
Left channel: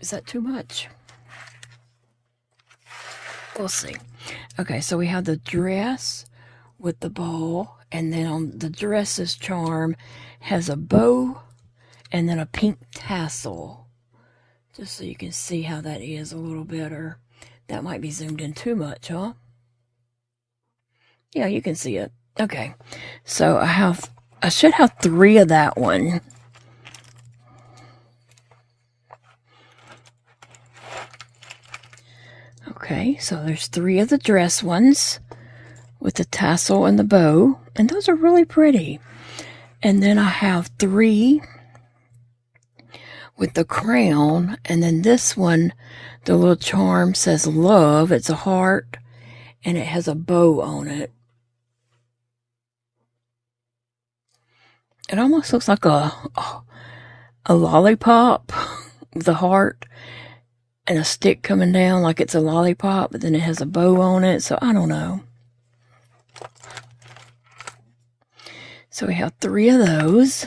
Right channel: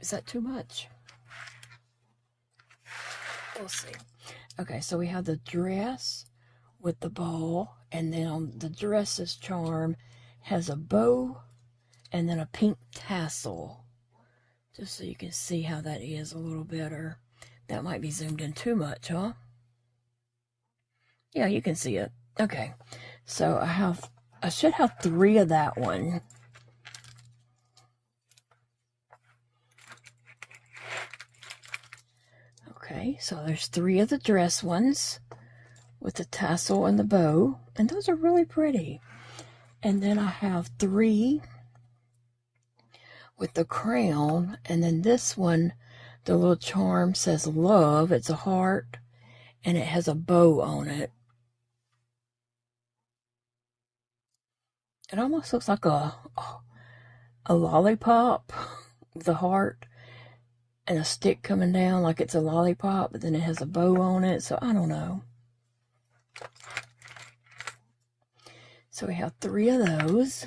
Is that too much? We'll see. Okay, so we have the dress with the ball, and then on the dress's charm has a bow and then a pink tassel. Just so you can see how that is a little better. That might be zoomed in too much, huh? Yeah, you can see it. Okay, so I should have 3 of that one. Okay, so there's 3 of the dress ones with the tassel and the bow, and those are really pretty. And then I have 3 with the crown, and then this one, the little charm says love. It's a heart, and it has a bow on it. It almost looks like a lollipop with a heart and a stick coming down like it's a lollipop, but then it has a bow on it, so I don't know. So we have 3 of those.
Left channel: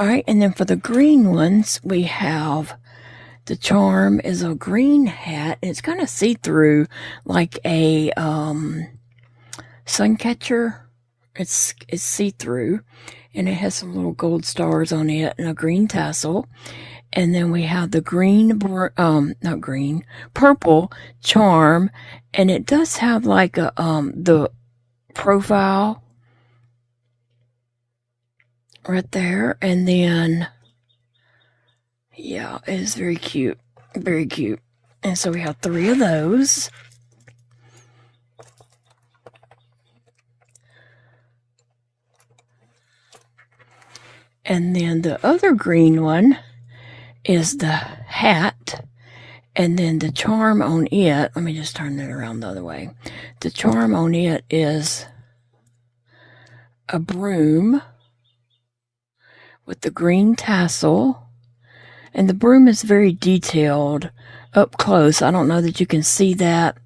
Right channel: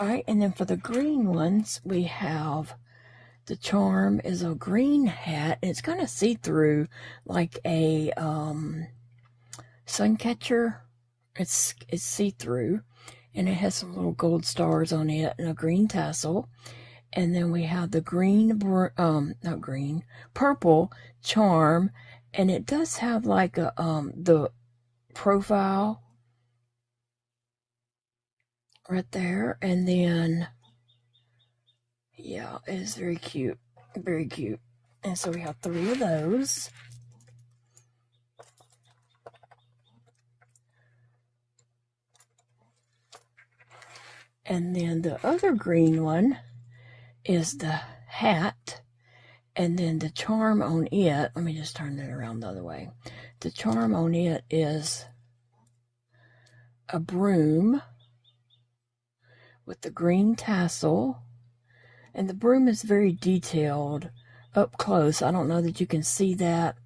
All right, and then for the green ones, we have the charm is a green hat, and it's kind of see-through, like a sun catcher. It's see-through, and it has some little gold stars on it and a green tassel. And then we have the not green, purple charm. And it does have like a, the profile right there. And then, yeah, it is very cute. Very cute. And so we have 3 of those. And then the other green one is the hat. And then the charm on it, let me just turn it around the other way. The charm on it is a broom with the green tassel. And the broom is very detailed up close. I don't know that you can see that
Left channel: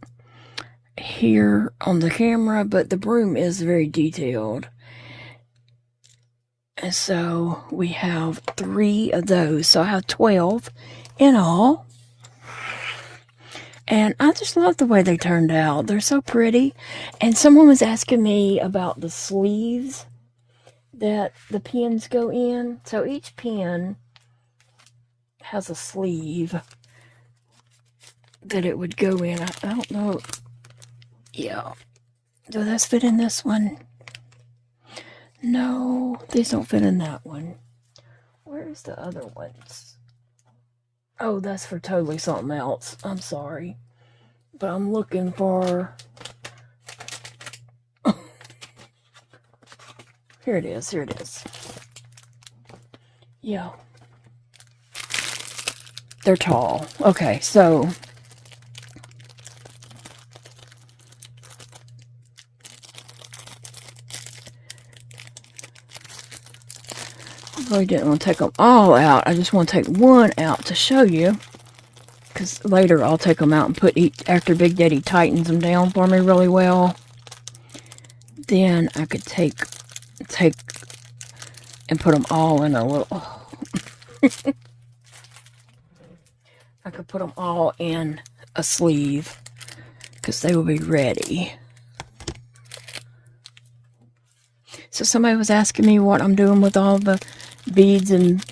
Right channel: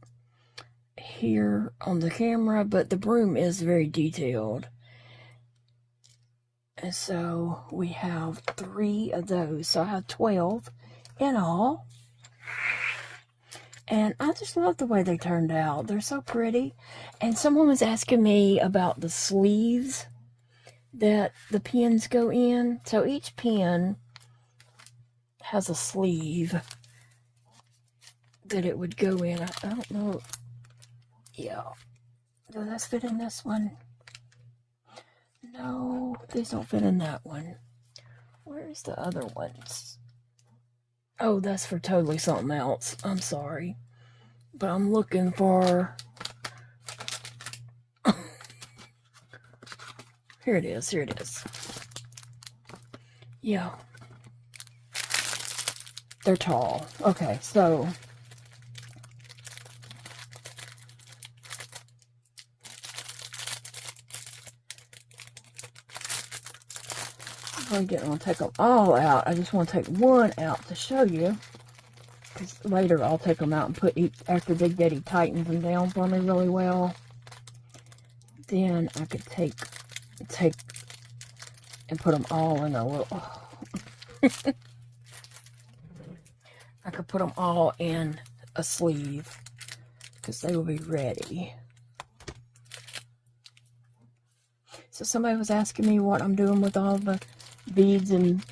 here on the camera, but the broom is very detailed. And so we have 3 of those. So I have 12 in all. And I just love the way they turned out. They're so pretty. And someone was asking me about the sleeves that the pins go in. So each pin has a sleeve that it would go in. I don't know. Yeah. Does this fit in this one? No, these don't fit in that one. Where's the other ones? Oh, that's for totally something else. I'm sorry. But I'm looking for... Here it is. Here it is. Yeah. They're tall. Okay, so... I really didn't want to take them all out. I just want to take one out to show you. Because later I'll take them out and put each, after Big Daddy tightens them down for me really well. Then I could take and put them all in a little... I could put them all in a sleeve. Because they will be ready. So somebody was asking me what I'm doing with all the beads and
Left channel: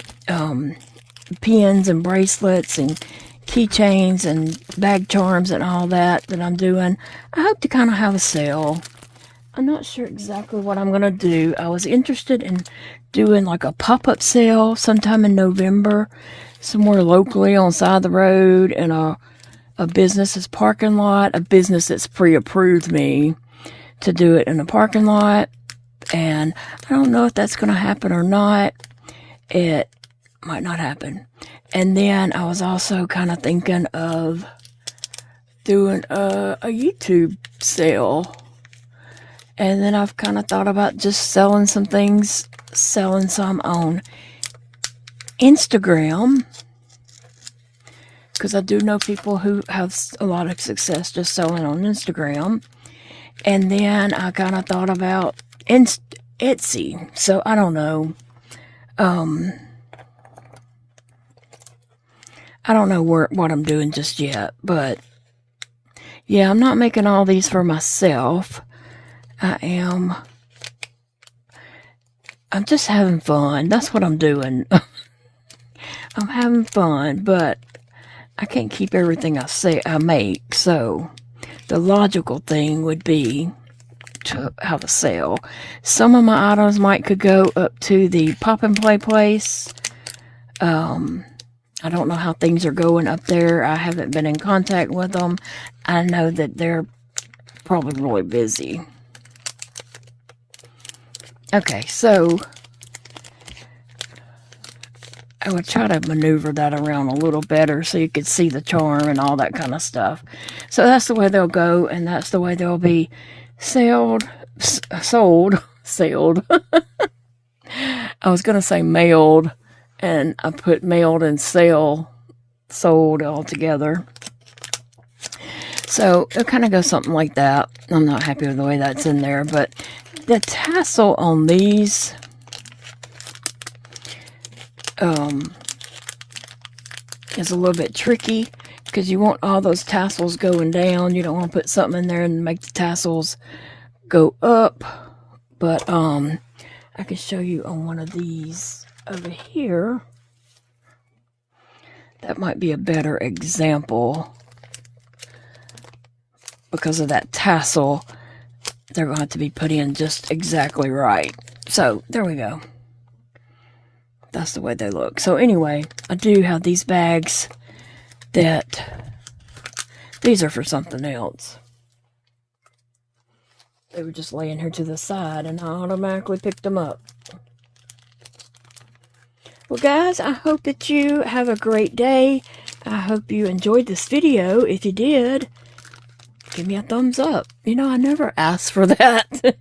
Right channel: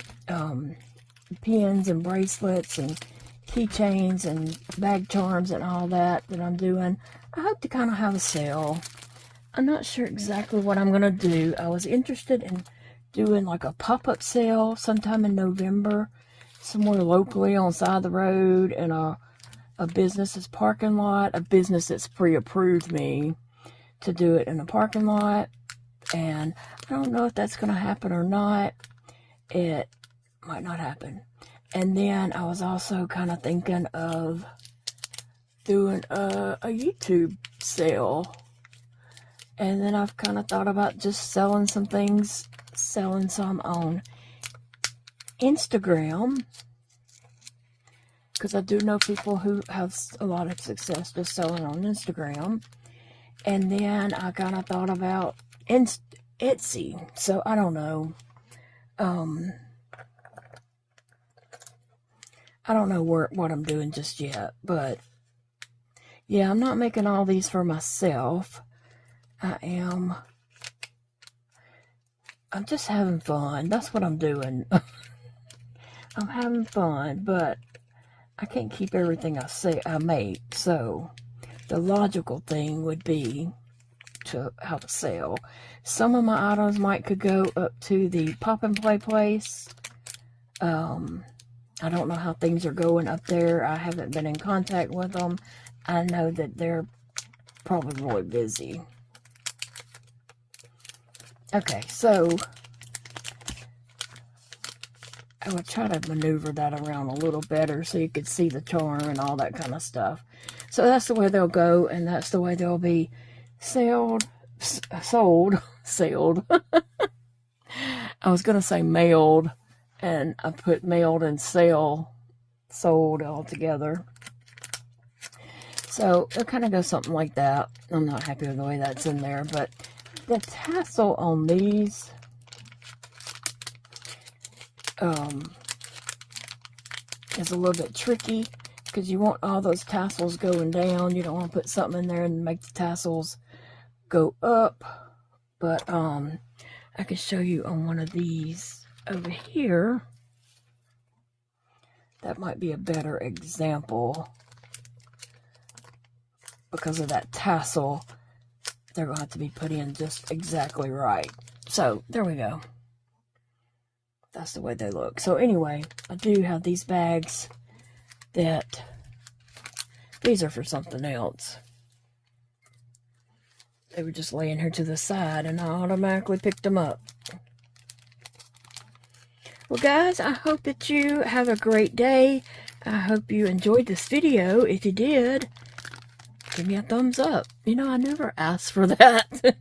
pins and bracelets and keychains and bag charms and all that I'm doing. I hope to kind of have a sale. I'm not sure exactly what I'm going to do. I was interested in doing like a pop-up sale sometime in November, somewhere locally on the side of the road in a business's parking lot, a business that's pre-approved me to do it in a parking lot. And I don't know if that's going to happen or not. It might not happen. And then I was also kind of thinking of doing a YouTube sale. And then I've kind of thought about just selling some things, selling some on Instagram. Because I do know people who have a lot of success just selling on Instagram. And then I kind of thought about Etsy. So I don't know. I don't know what I'm doing just yet. But yeah, I'm not making all these for myself. I'm just having fun. That's what I'm doing. I'm having fun, but I can't keep everything I make. So the logical thing would be to have a sale. Some of my items could go up to the pop and play place. I don't know how things are going up there. I haven't been in contact with them. I know that they're probably really busy. Okay, so I would try to maneuver that around a little better so you could see the charm and all that kind of stuff. So that's the way they'll go, and that's the way they'll be sold. I was going to say mailed, and I put mailed and sold all together. So it'll kind of go something like that. I'm not happy with the way that's in there, but the tassel on these is a little bit tricky because you want all those tassels going down. You don't want to put something in there and make the tassels go up. But I can show you on one of these over here. That might be a better example because of that tassel. They're going to have to be put in just exactly right. So there we go. That's the way they look. So anyway, I do have these bags that these are for something else. They were just laying here to the side and I automatically picked them up. Well guys, I hope that you have a great day. I hope you enjoyed this video. If you did, give me a thumbs up. You know, I never ask for that.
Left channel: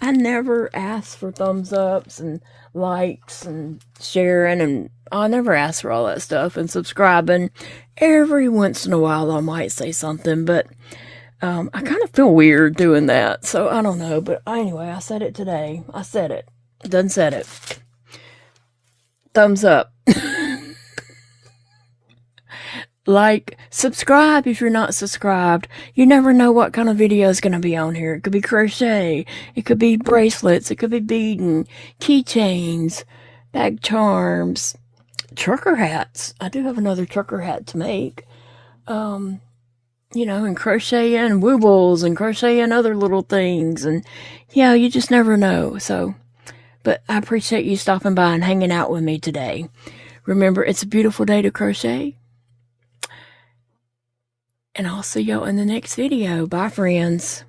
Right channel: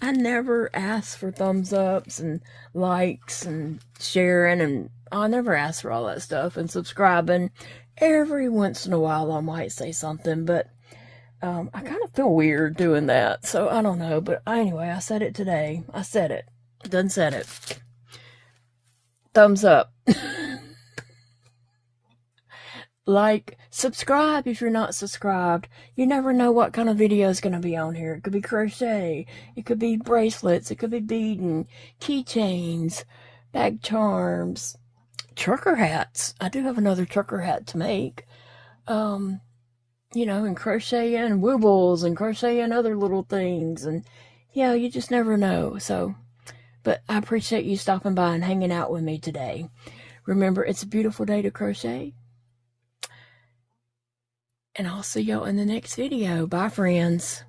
I never ask for thumbs ups and likes and sharing, and I never ask for all that stuff, and subscribing. Every once in a while I might say something, but I kind of feel weird doing that, so I don't know. But anyway, I said it today. I said it. Done said it. Thumbs up. Like, subscribe if you're not subscribed. You never know what kind of video is going to be on here. It could be crochet. It could be bracelets. It could be beading, keychains, bag charms, trucker hats. I do have another trucker hat to make. You know, and crocheting woobles and crocheting other little things. And yeah, you just never know. So, but I appreciate you stopping by and hanging out with me today. Remember, it's a beautiful day to crochet. And I'll see y'all in the next video. Bye, friends.